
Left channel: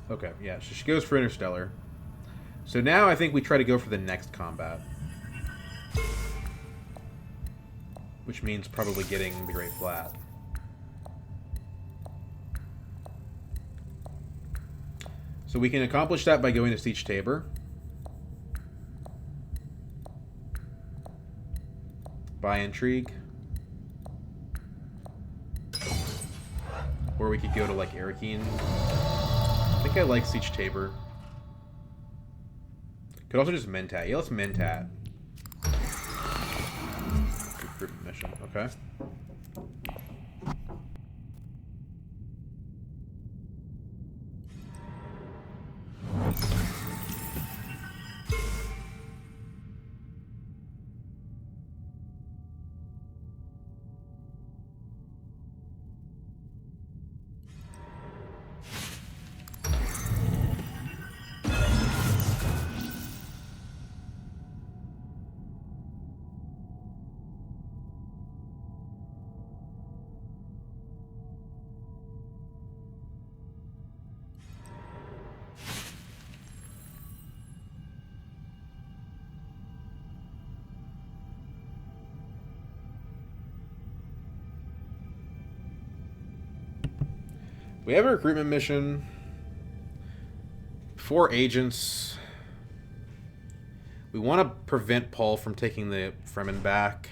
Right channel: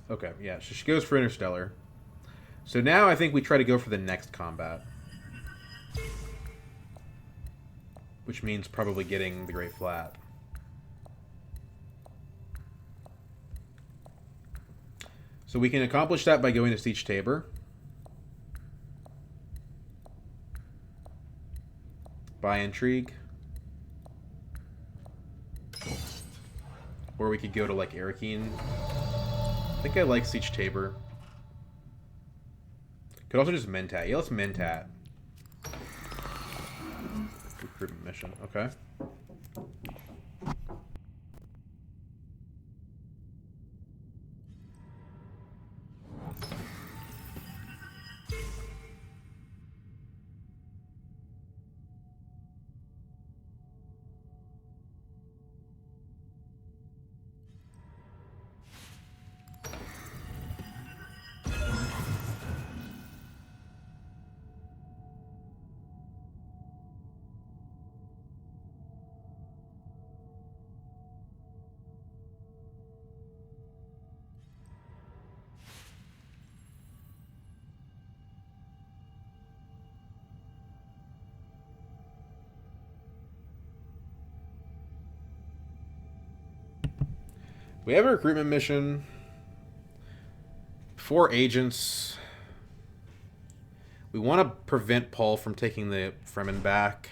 Okay, yeah, so she goes for Interstellar. So now I think we try to go for the next combat. Which means probably getting the Great Flat. So we can accomplish that by going to Siege Tabor. Buy Intrigue. Or we could go to, like, Arakeen. I think I like Siege Tabor. Could also just Mentat. Yeah, let's Mentat. Recruitment mission. Okay. We have a recruitment mission. 4 agents. We want to prevent Paul from taking the Fremen back.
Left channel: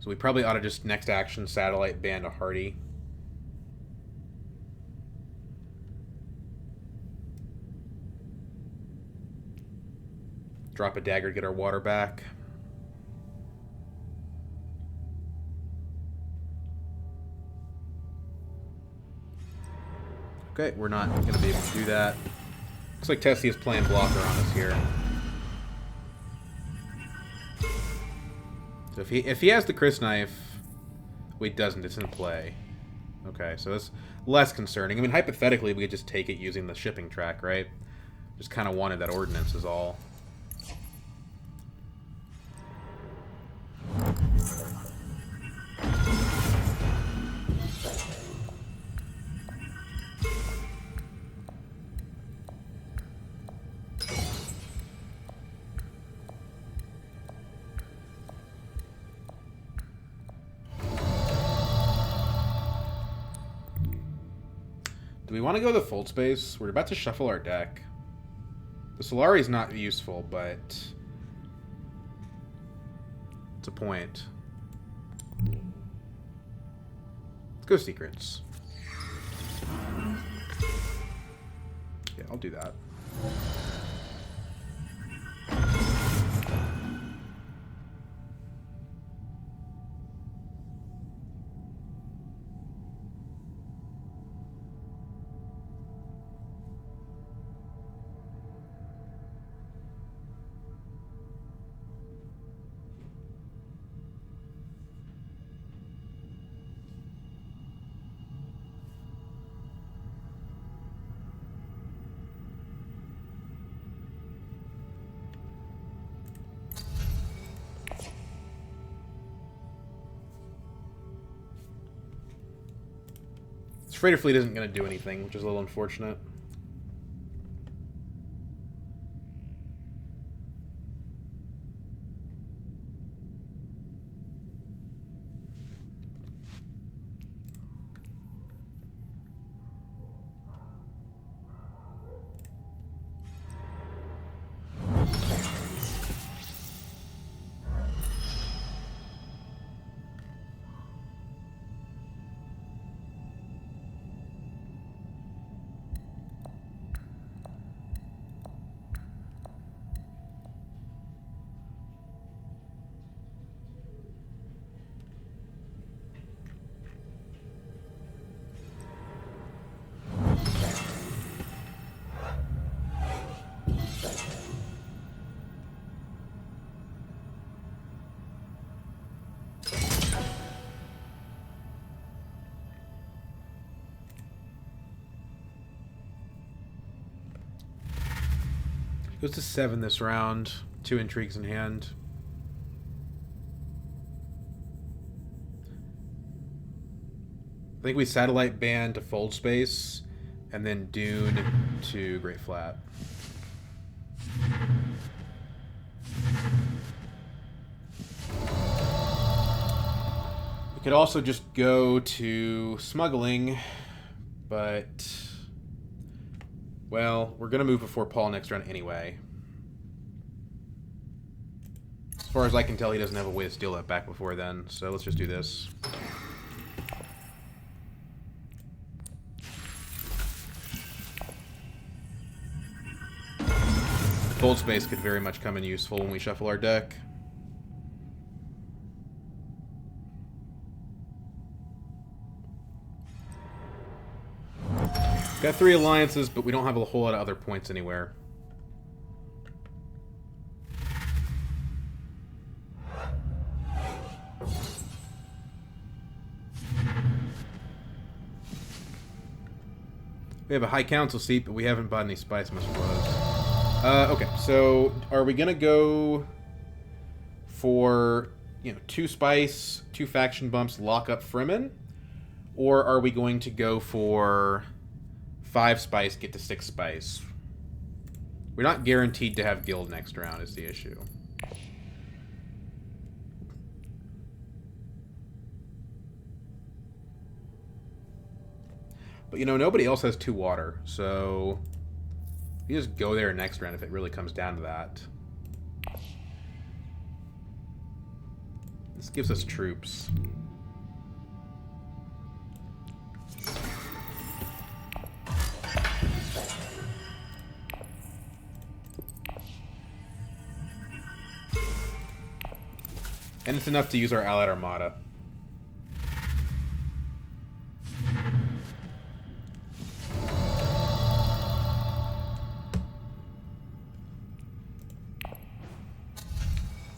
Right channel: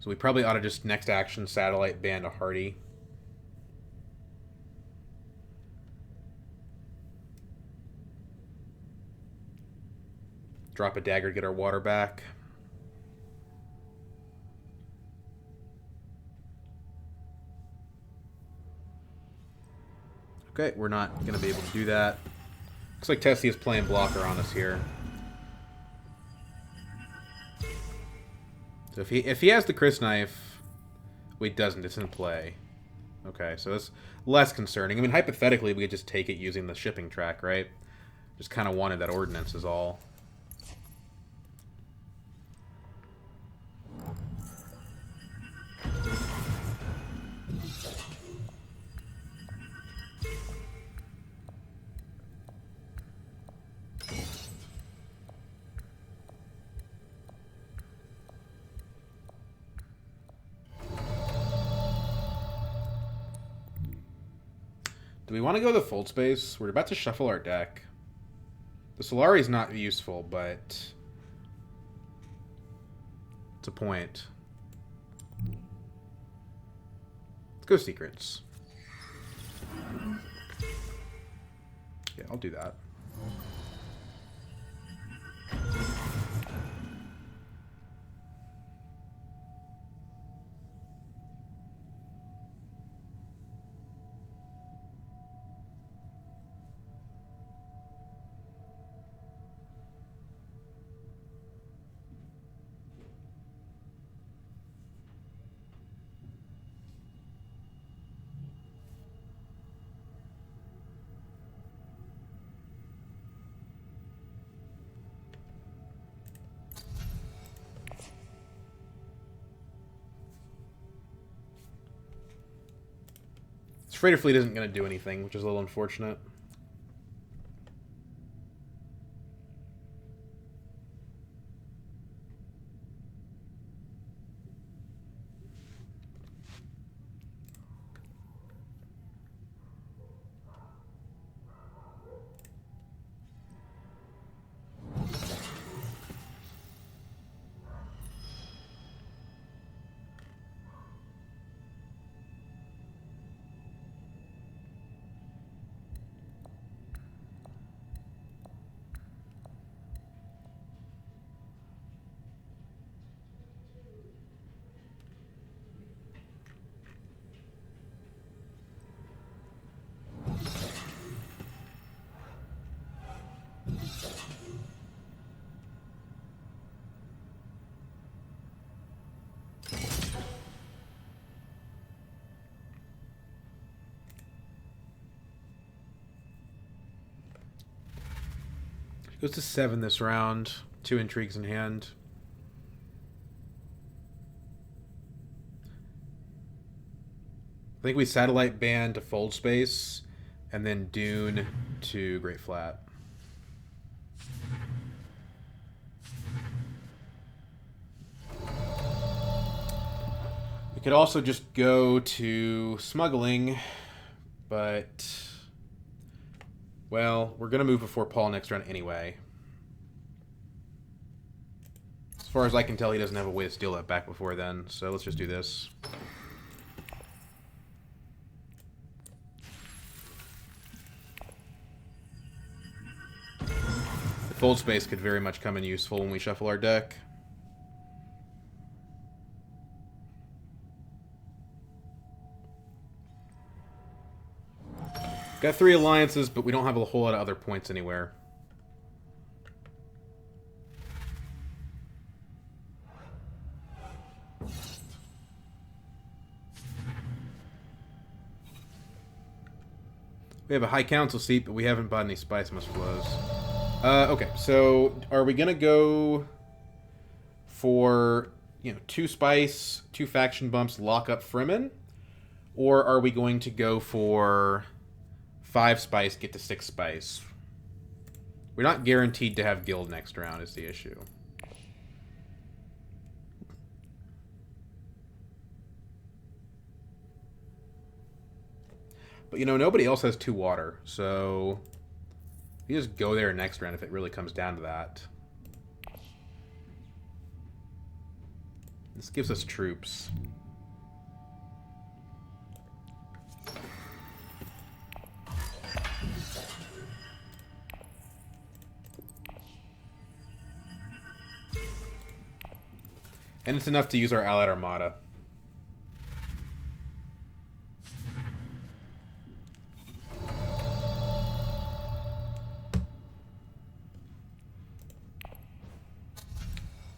So we probably ought to just next action satellite ban to Hardy. Drop a dagger to get our water back. Okay, we're not going to be able to do that. Looks like Tessie is playing blocker on us here. So if he has the Chris knife, well, he doesn't. It's in play. Okay, so that's less concerning. I mean, hypothetically, we could just take it using the shipping track, right? Just kind of wanted that ordnance is all. Do we want to go the Fold Space? We're about to shuffle our deck. The Solari is not useful, but it's a point. Let's go Secrets. Yeah, I'll do that. Freighter Fleet isn't going to do anything, which is a little unfortunate. Goes to 7 this round. 2 intrigues in hand. I think we satellite ban to Fold Space, and then Dune to Great Flat. We could also just go to Smuggling, but... well, we're going to move before Paul next round anyway. As far as I can tell, he doesn't have a way to steal that back before then, so let's just do this. The Fold Space could very much come in useful when we shuffle our deck. Got 3 alliances, but we don't have a whole lot of other points anywhere. We have a High Council seat, but we haven't bought any Spice Must Flows. Okay, so are we going to go for, 2 Spice, 2 faction bumps, lock up Fremen? Or are we going to go for 5 Spice, get to 6 Spice? We're not guaranteed to have Guild next round is the issue. But, nobody else has 2 water, so you just go there next round if it really comes down to that. This gives us troops. And it's enough to use our Allied Armada.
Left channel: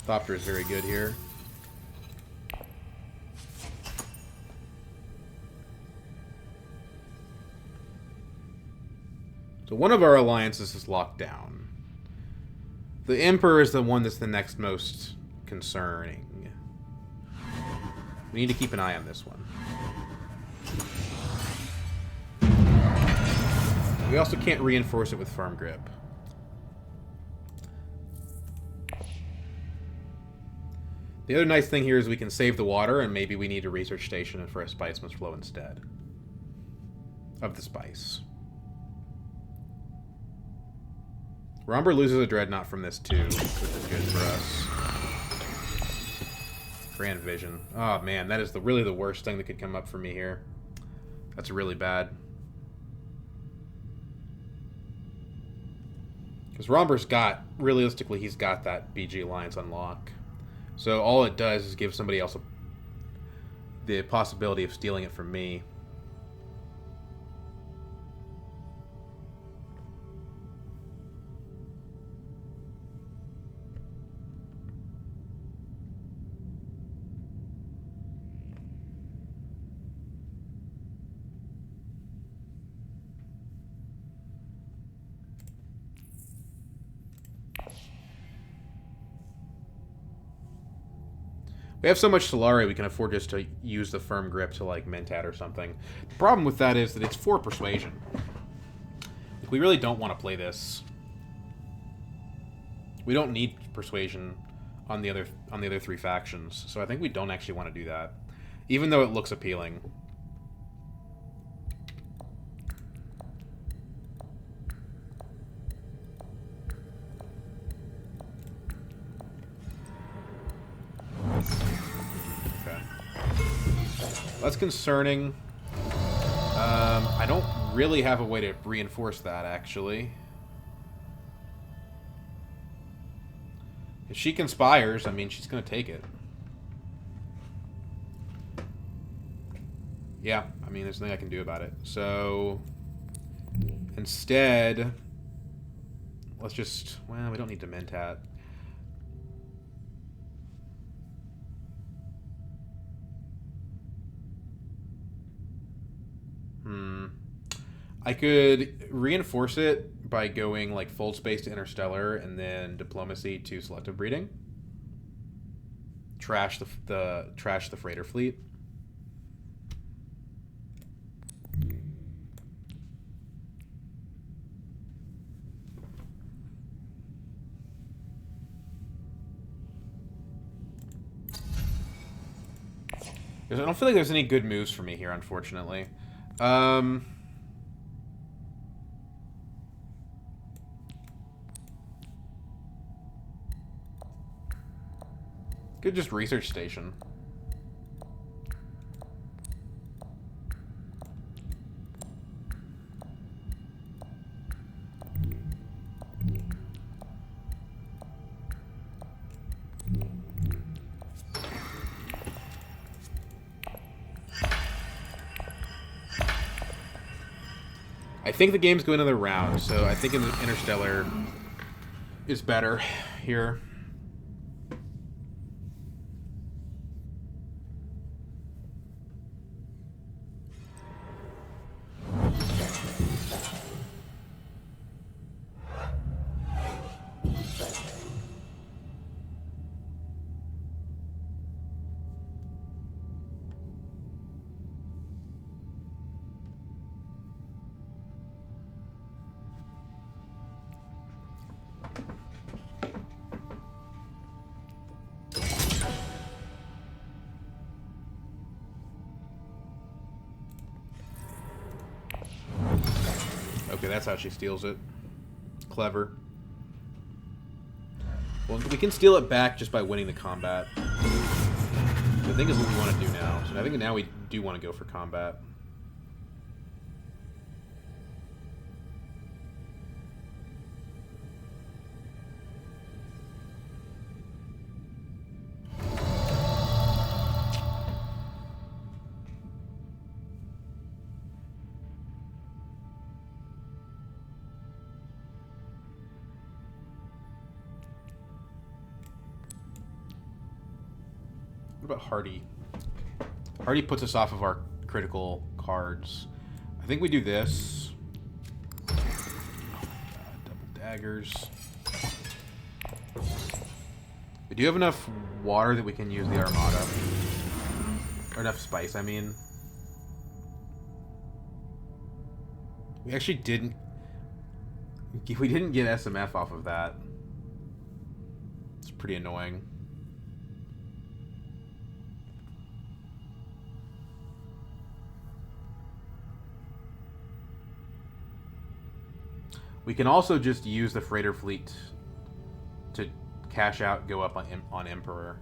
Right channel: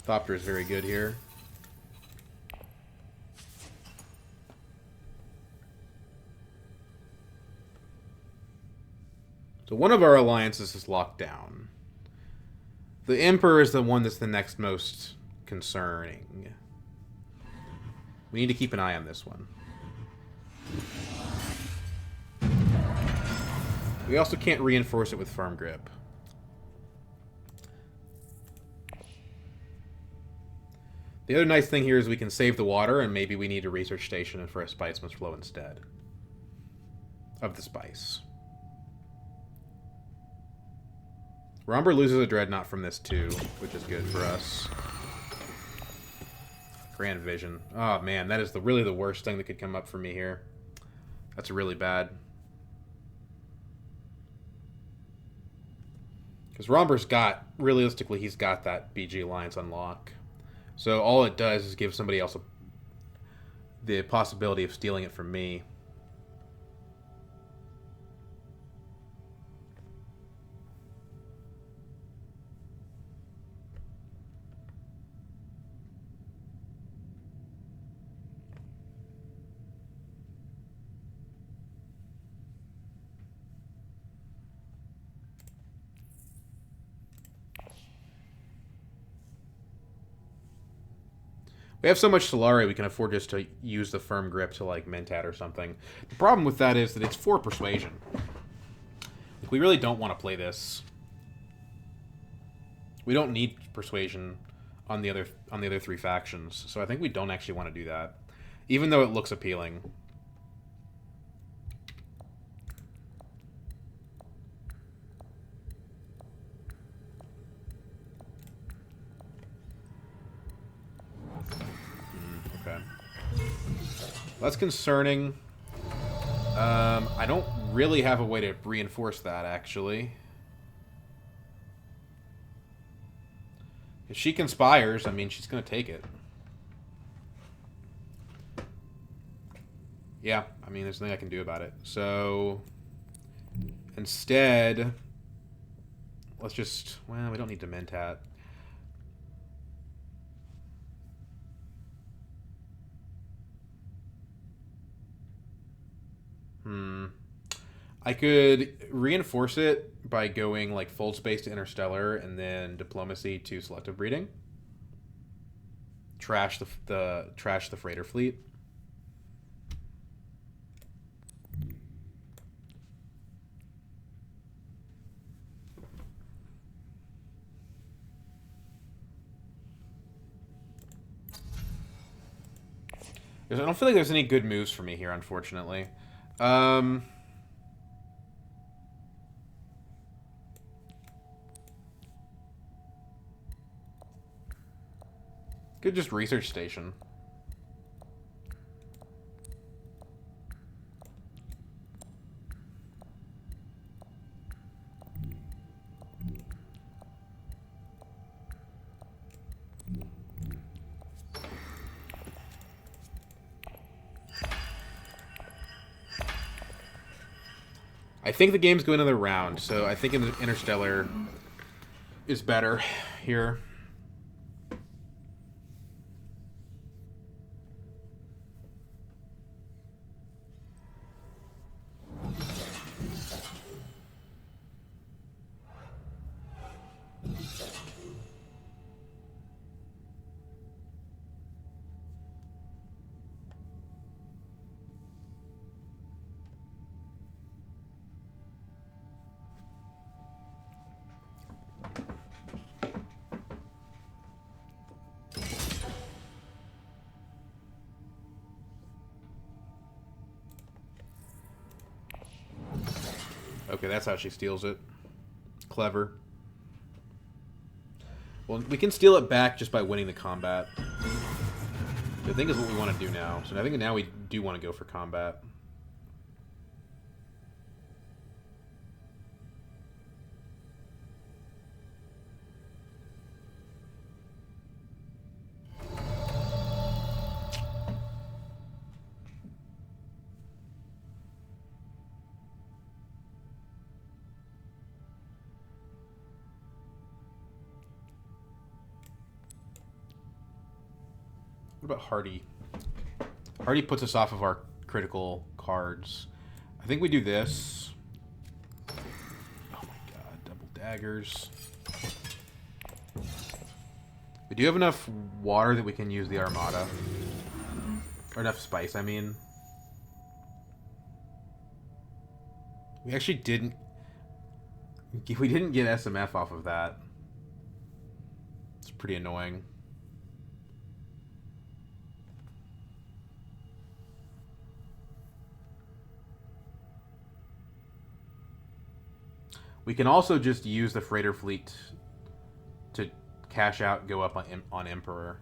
Thopter is very good here. So one of our alliances is locked down. The Emperor is the one that's the next most concerning. We need to keep an eye on this one. We also can't reinforce it with firm grip. The other nice thing here is we can save the water, and maybe we need a research station for a spice must flow instead of the spice. Romber loses a dreadnought from this too, which is good for us. Grand Vision. Oh man, that is really the worst thing that could come up for me here. That's really bad. Because Romber's got, realistically, he's got that BG Alliance on lock. So all it does is give somebody else the possibility of stealing it from me. We have so much Solari, we can afford just to use the firm grip to, like, Mentat or something. The problem with that is that it's 4 persuasion. Like, we really don't want to play this. We don't need persuasion on the other 3 factions, so I think we don't actually want to do that, even though it looks appealing. Okay. That's concerning. I don't really have a way to reinforce that, actually. If she conspires, I mean, she's going to take it. Yeah, I mean, there's nothing I can do about it. So, instead, let's just... Well, we don't need to Mentat. I could reinforce it by going like fold space to interstellar and then diplomacy to selective breeding. Trash the freighter fleet. I don't feel like there's any good moves for me here, unfortunately. Could just research station. I think the game's going another round, so I think Interstellar is better here. Okay, that's how she steals it. Clever. Well, we can steal it back just by winning the combat. I think is what we want to do now. So I think now we do want to go for combat. What about Hardy? Hardy puts us off of our critical cards. I think we do this. daggers. We do have enough water that we can use the Armada. Or enough spice, I mean. We actually didn't... We didn't get SMF off of that. It's pretty annoying. We can also just use the freighter fleet to cash out, go up on Emperor.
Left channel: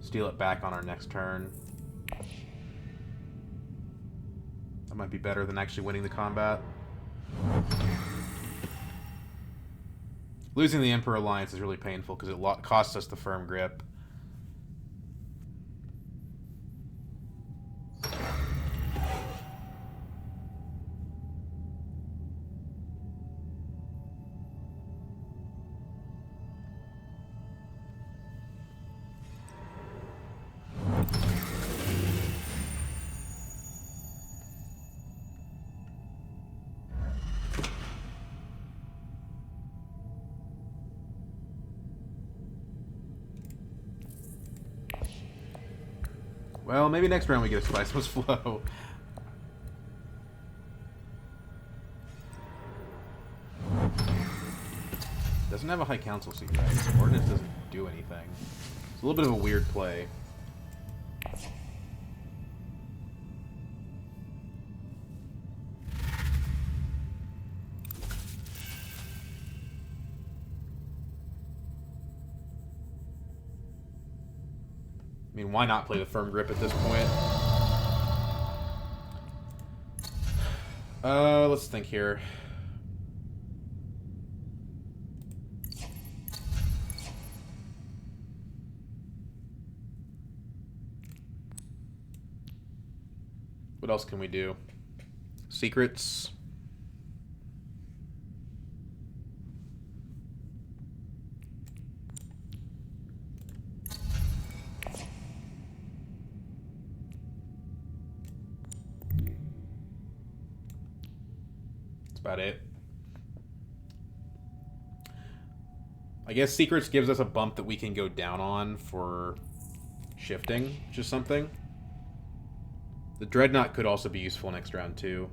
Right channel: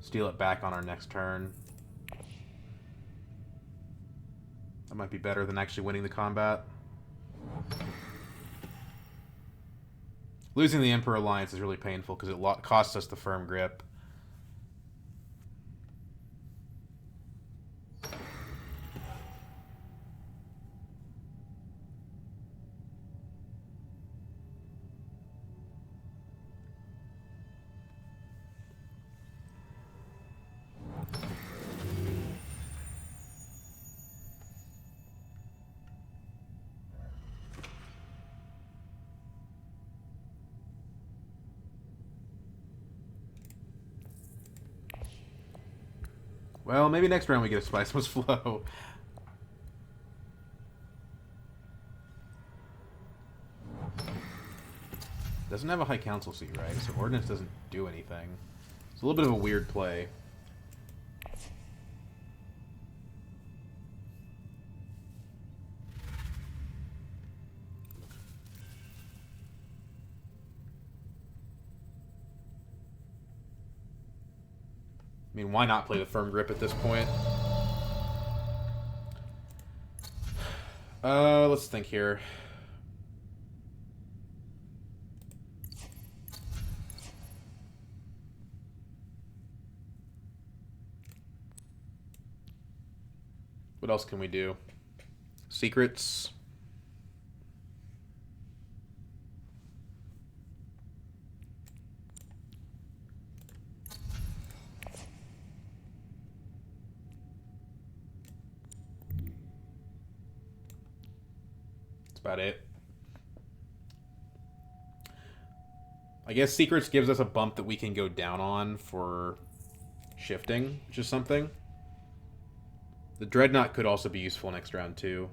Steal it back on our next turn. That might be better than actually winning the combat. Losing the Emperor Alliance is really painful because it costs us the firm grip. Well, maybe next round we get a Spiceless Flow. Doesn't have a High Council seat, right? So Ordnance doesn't do anything. It's a little bit of a weird play. I mean, why not play the firm grip at this point? Let's think here. What else can we do? Secrets. About it. I guess Secrets gives us a bump that we can go down on for shifting, which is something. The Dreadnought could also be useful next round, too.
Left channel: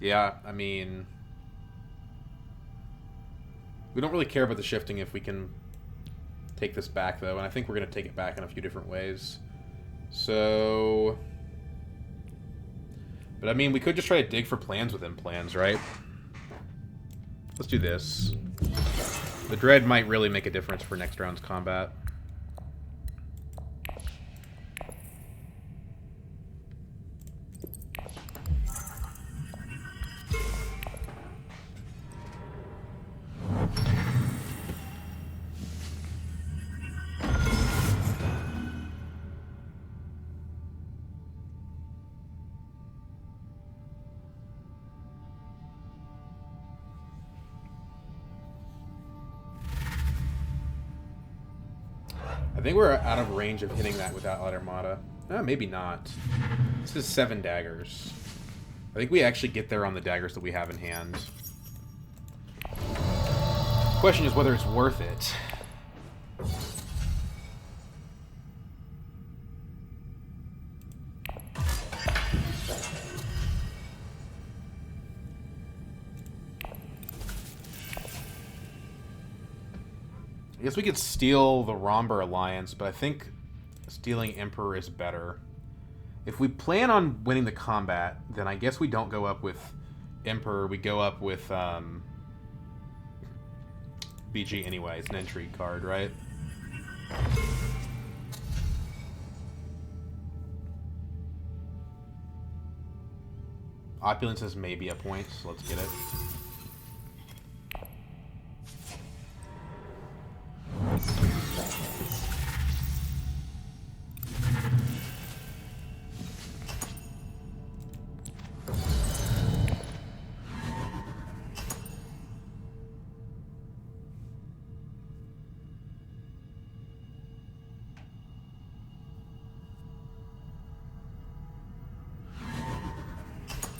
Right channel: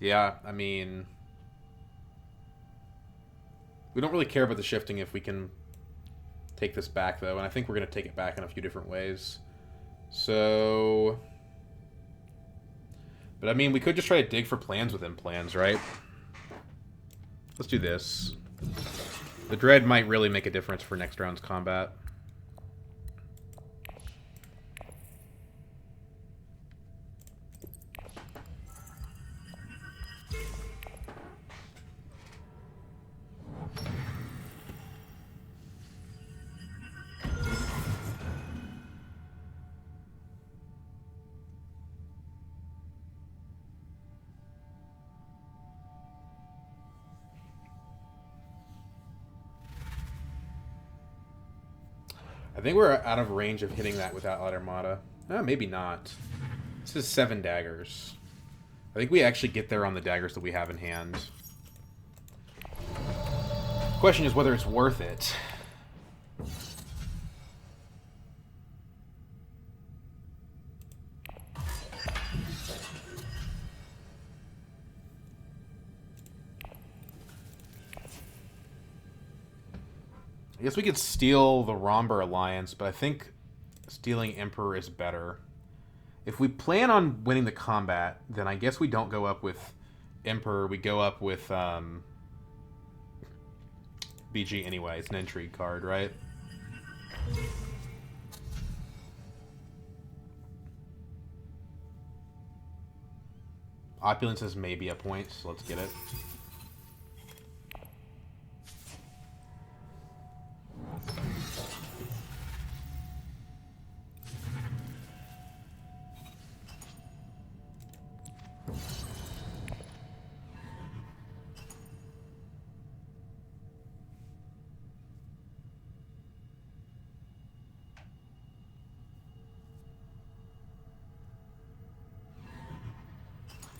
Yeah, I mean... we don't really care about the shifting if we can take this back, though, and I think we're going to take it back in a few different ways. So... but, I mean, we could just try to dig for plans within plans, right? Let's do this. The Dread might really make a difference for next round's combat. I think we're out of range of hitting that without Armada. Maybe not. This is 7 daggers. I think we actually get there on the daggers that we have in hand. The question is whether it's worth it. I guess we could steal the Romber Alliance, but I think stealing Emperor is better. If we plan on winning the combat, then I guess we don't go up with Emperor. We go up with BG anyway. It's an intrigue card, right? Opulence is maybe a point, so let's get it.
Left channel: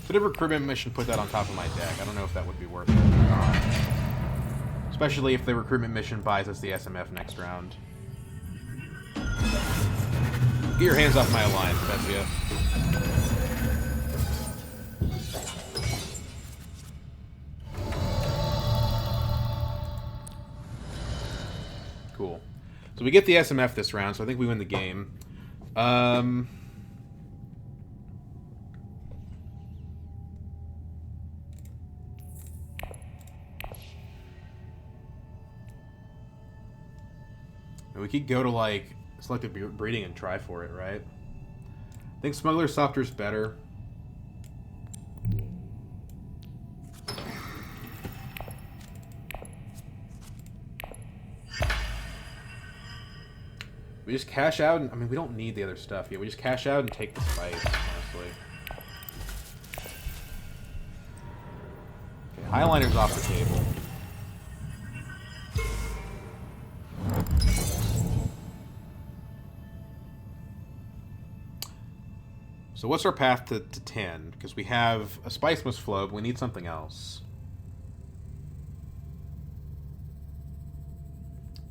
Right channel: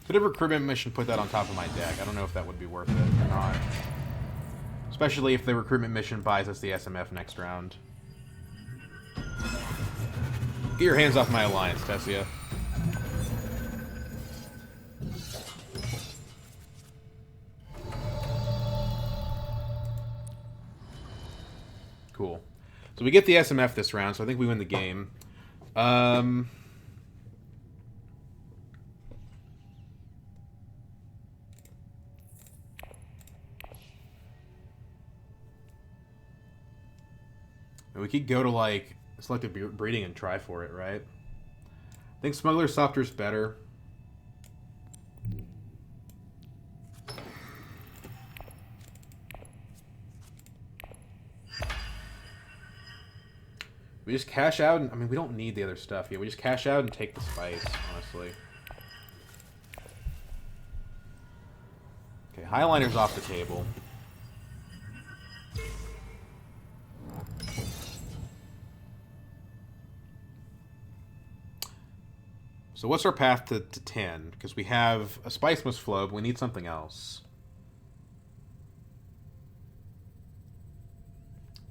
Could a recruitment mission put that on top of my deck? I don't know if that would be worth it or not. Especially if the recruitment mission buys us the SMF next round. Get your hands off my alliance, Tessia. Cool. So we get the SMF this round, so I think we win the game. We could go to, like, selective breeding and try for it, right? I think Smuggler Softer's better. We just cash out, and I mean, we don't need the other stuff yet. We just cash out and take the spice, honestly. Okay, Highliner's off the table. So what's our path to 10? Because we have a Spice must flow, but we need something else.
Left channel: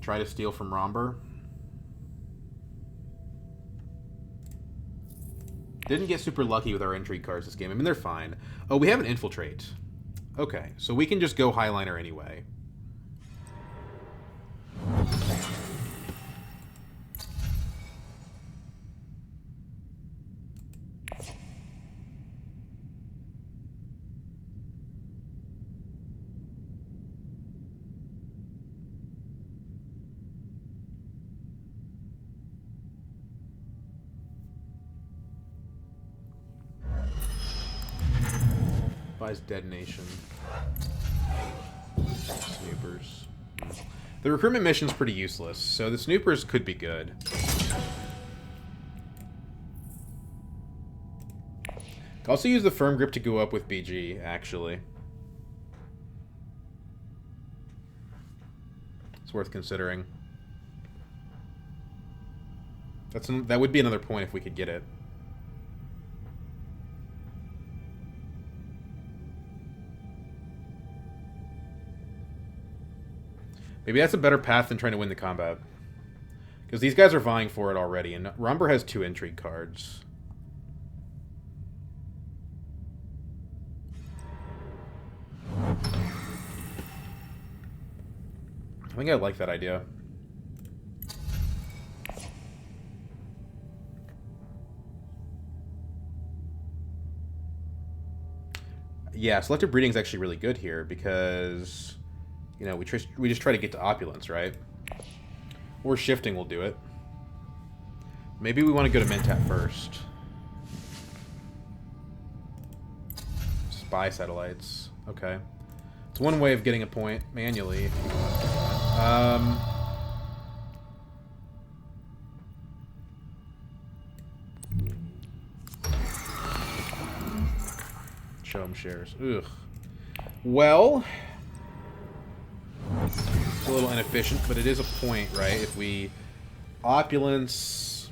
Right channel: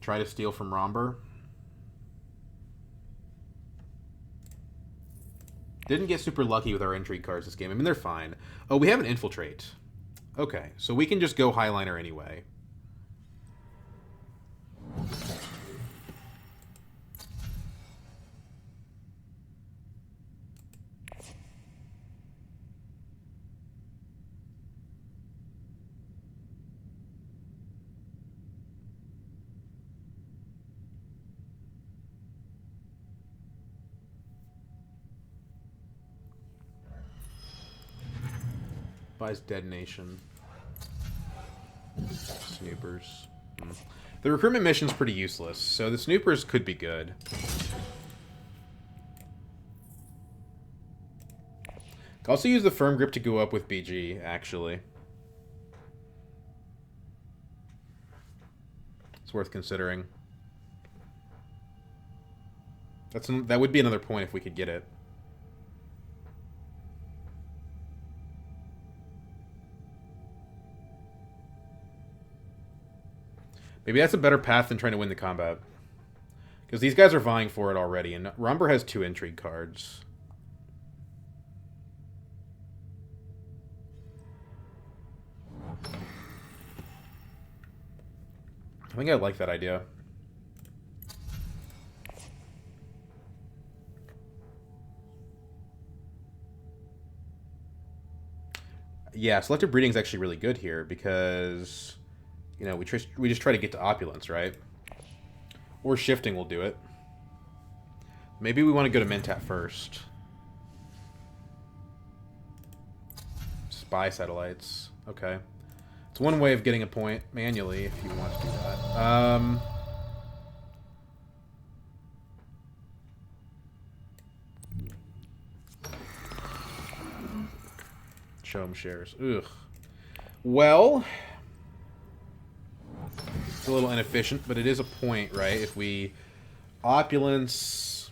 Try to steal from Romber. Didn't get super lucky with our intrigue cards this game. I mean, they're fine. Oh, we have an Infiltrate. Okay, so we can just go Highliner anyway. Buys Detonation. Snoopers. The recruitment mission's pretty useless, so the Snoopers could be good. Could also use the Firm Grip to go up with BG, actually. It's worth considering. That would be another point if we could get it. Maybe that's a better path than trying to win the combat. Because these guys are vying for it already, and Romber has 2 intrigue cards. I think I like that idea. Yeah, selective breeding is actually really good here because, you know, we just try to get to opulence, right? Or shifting will do it. Maybe we want to go to Mentat first. Spy satellites. Okay. It's one way of getting a point manually if you want to do that. Show them shares. Ugh. Well, it's a little inefficient, but it is a point, right? If we opulence...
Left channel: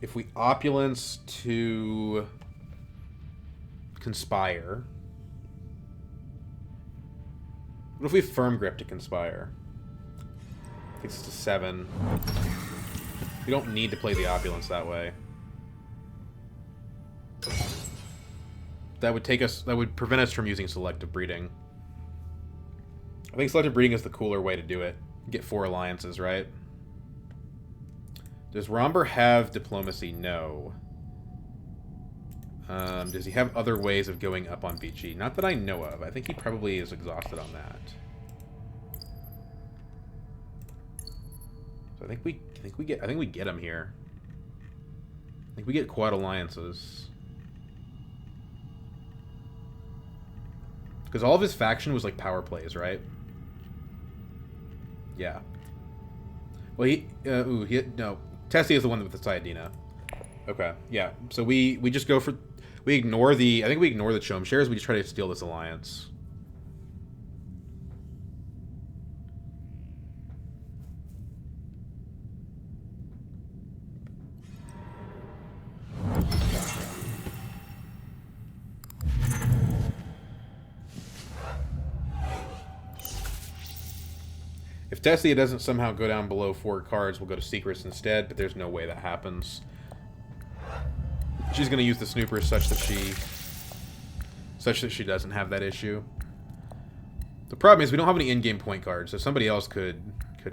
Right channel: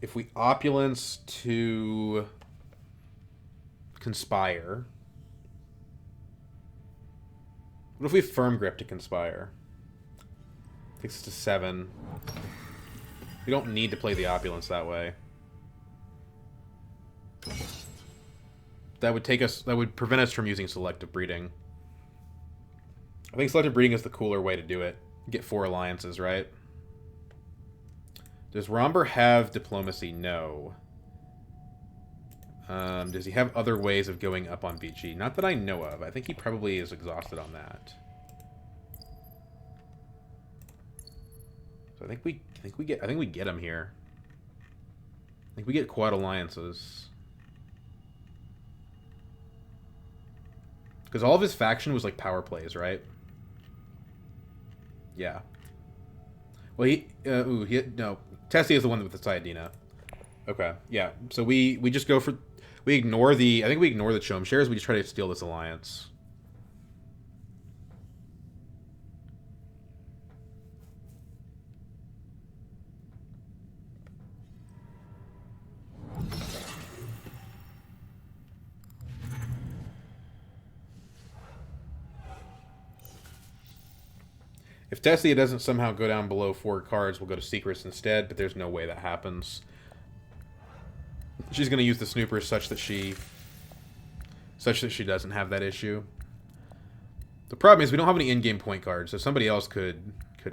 If we opulence to conspire... What if we firm grip to conspire? Takes us to 7. We don't need to play the opulence that way. That would prevent us from using selective breeding. I think selective breeding is the cooler way to do it. Get 4 alliances, right? Does Romber have diplomacy? No. Does he have other ways of going up on BG? Not that I know of. I think he probably is exhausted on that. So I think we get him here. I think we get quad alliances. Because all of his faction was like power plays, right? Yeah. Well, no. Tessie is the one with the Sayadina. Okay, yeah. So we just go for... We ignore the... I think we ignore the Chom shares. We just try to steal this alliance. If Tessia doesn't somehow go down below 4 cards, we'll go to secrets instead, but there's no way that happens. She's going to use the snoopers such that she doesn't have that issue. The problem is we don't have any in-game point cards, so somebody else could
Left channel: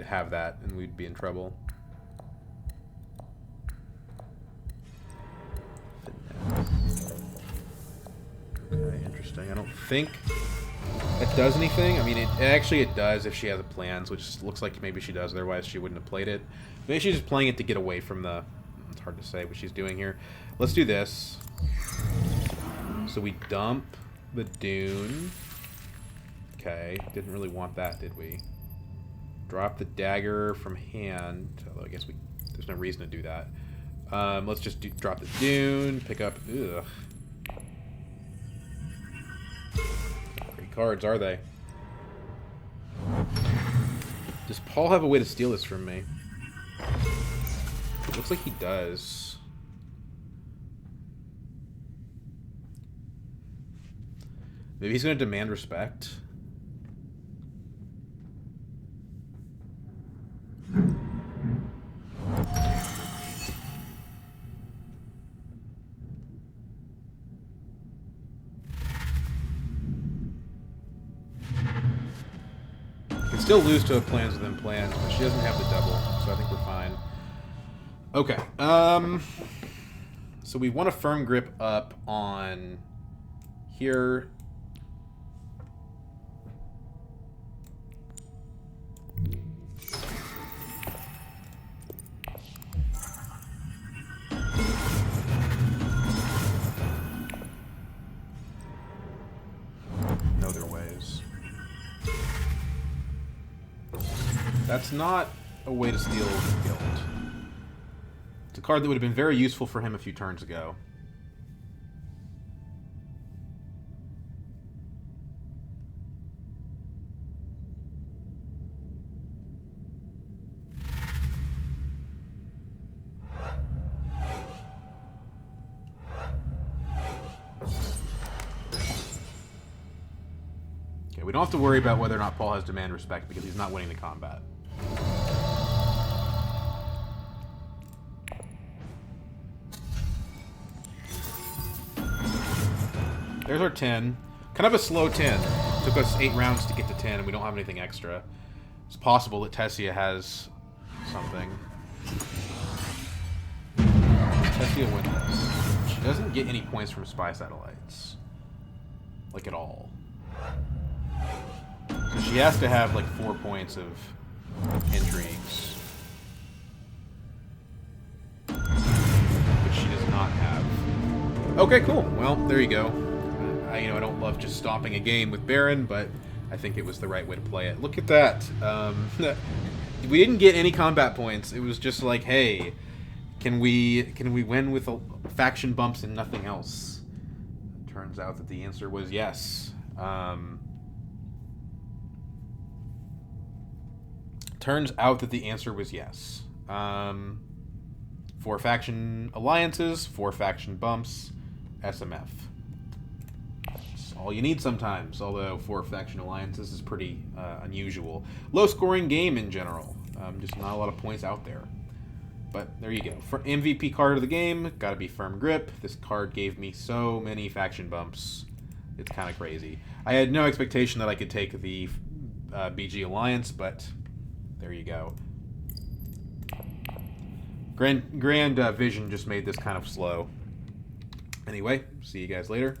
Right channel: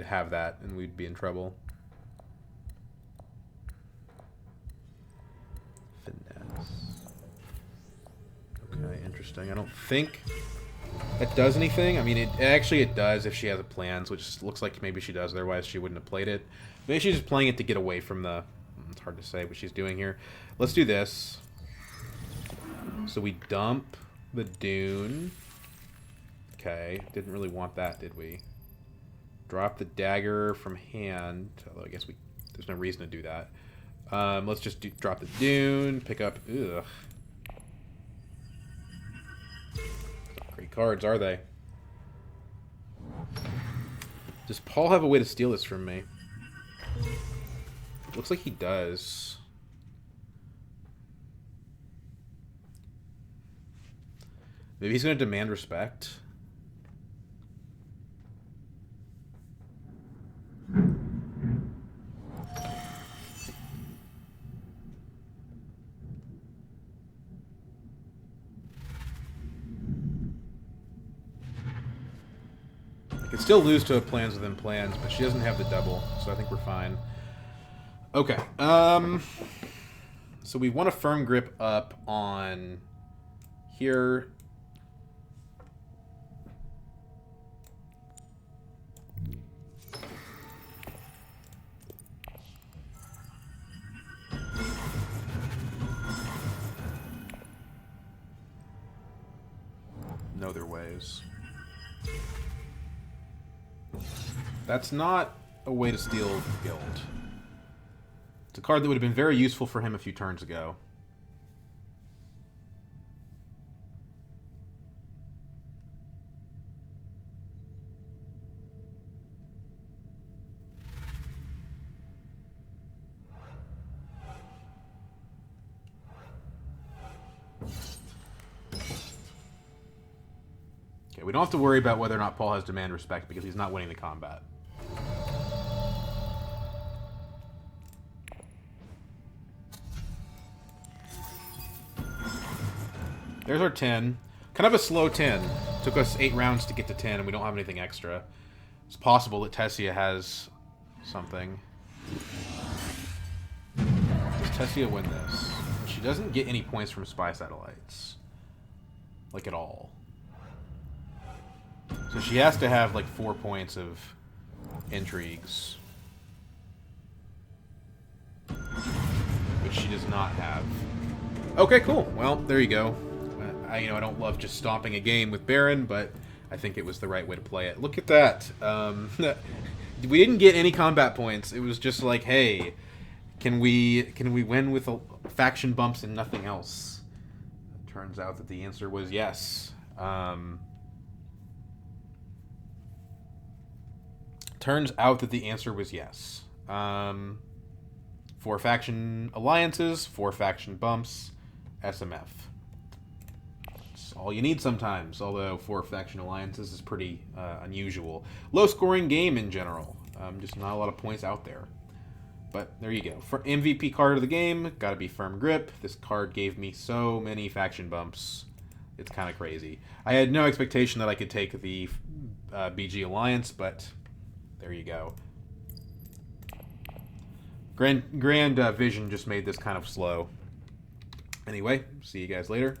have that, and we'd be in trouble. Finesse. Okay, interesting. I don't think it does anything. I mean, it does if she has a plans, which looks like maybe she does. Otherwise, she wouldn't have played it. Maybe she's just playing it to get away from the... It's hard to say what she's doing here. Let's do this. So we dump the Dune. Okay, didn't really want that, did we? Drop the dagger from hand. Although I guess there's no reason to do that. Let's just drop the Dune. Pick up... Ugh. Not great cards, are they? Does Paul have a way to steal this from me? It looks like he does. Maybe he's going to demand respect. Can still lose to a plans within plans, but she doesn't have the double, so I think we're fine. Okay. So we want a firm grip up on here. No their ways. That's not a way to steal Guild. It's a card that would have been very useful for him a few turns ago. Okay, we don't have to worry about whether or not Paul has demand respect because he's not winning the combat. There's our 10. Kind of a slow 10. Took us 8 rounds to get to 10, and we don't have anything extra. It's possible that Tessia has something. Does Tessia win this? She doesn't get any points from Spy Satellites. Like, at all. So she has to have, like, 4 points of intrigues. Which she does not have. Okay, cool. Well, there you go. I don't love just stomping a game with Baron, but I think it was the right way to play it. Look at that. We didn't get any combat points. It was just like, hey, can we win with faction bumps and nothing else? It turns out that the answer was yes. Turns out that the answer was yes. 4 faction alliances, 4 faction bumps, SMF. All you need sometimes, although 4 faction alliances is pretty unusual. Low scoring game in general. Just not a lot of points out there. But there you go. For MVP card of the game, gotta be Firm Grip. This card gave me so many faction bumps. It's kind of crazy. I had no expectation that I could take the BG Alliance, but there you go. Grand Vision just made this kind of slow. Anyway, see you guys later.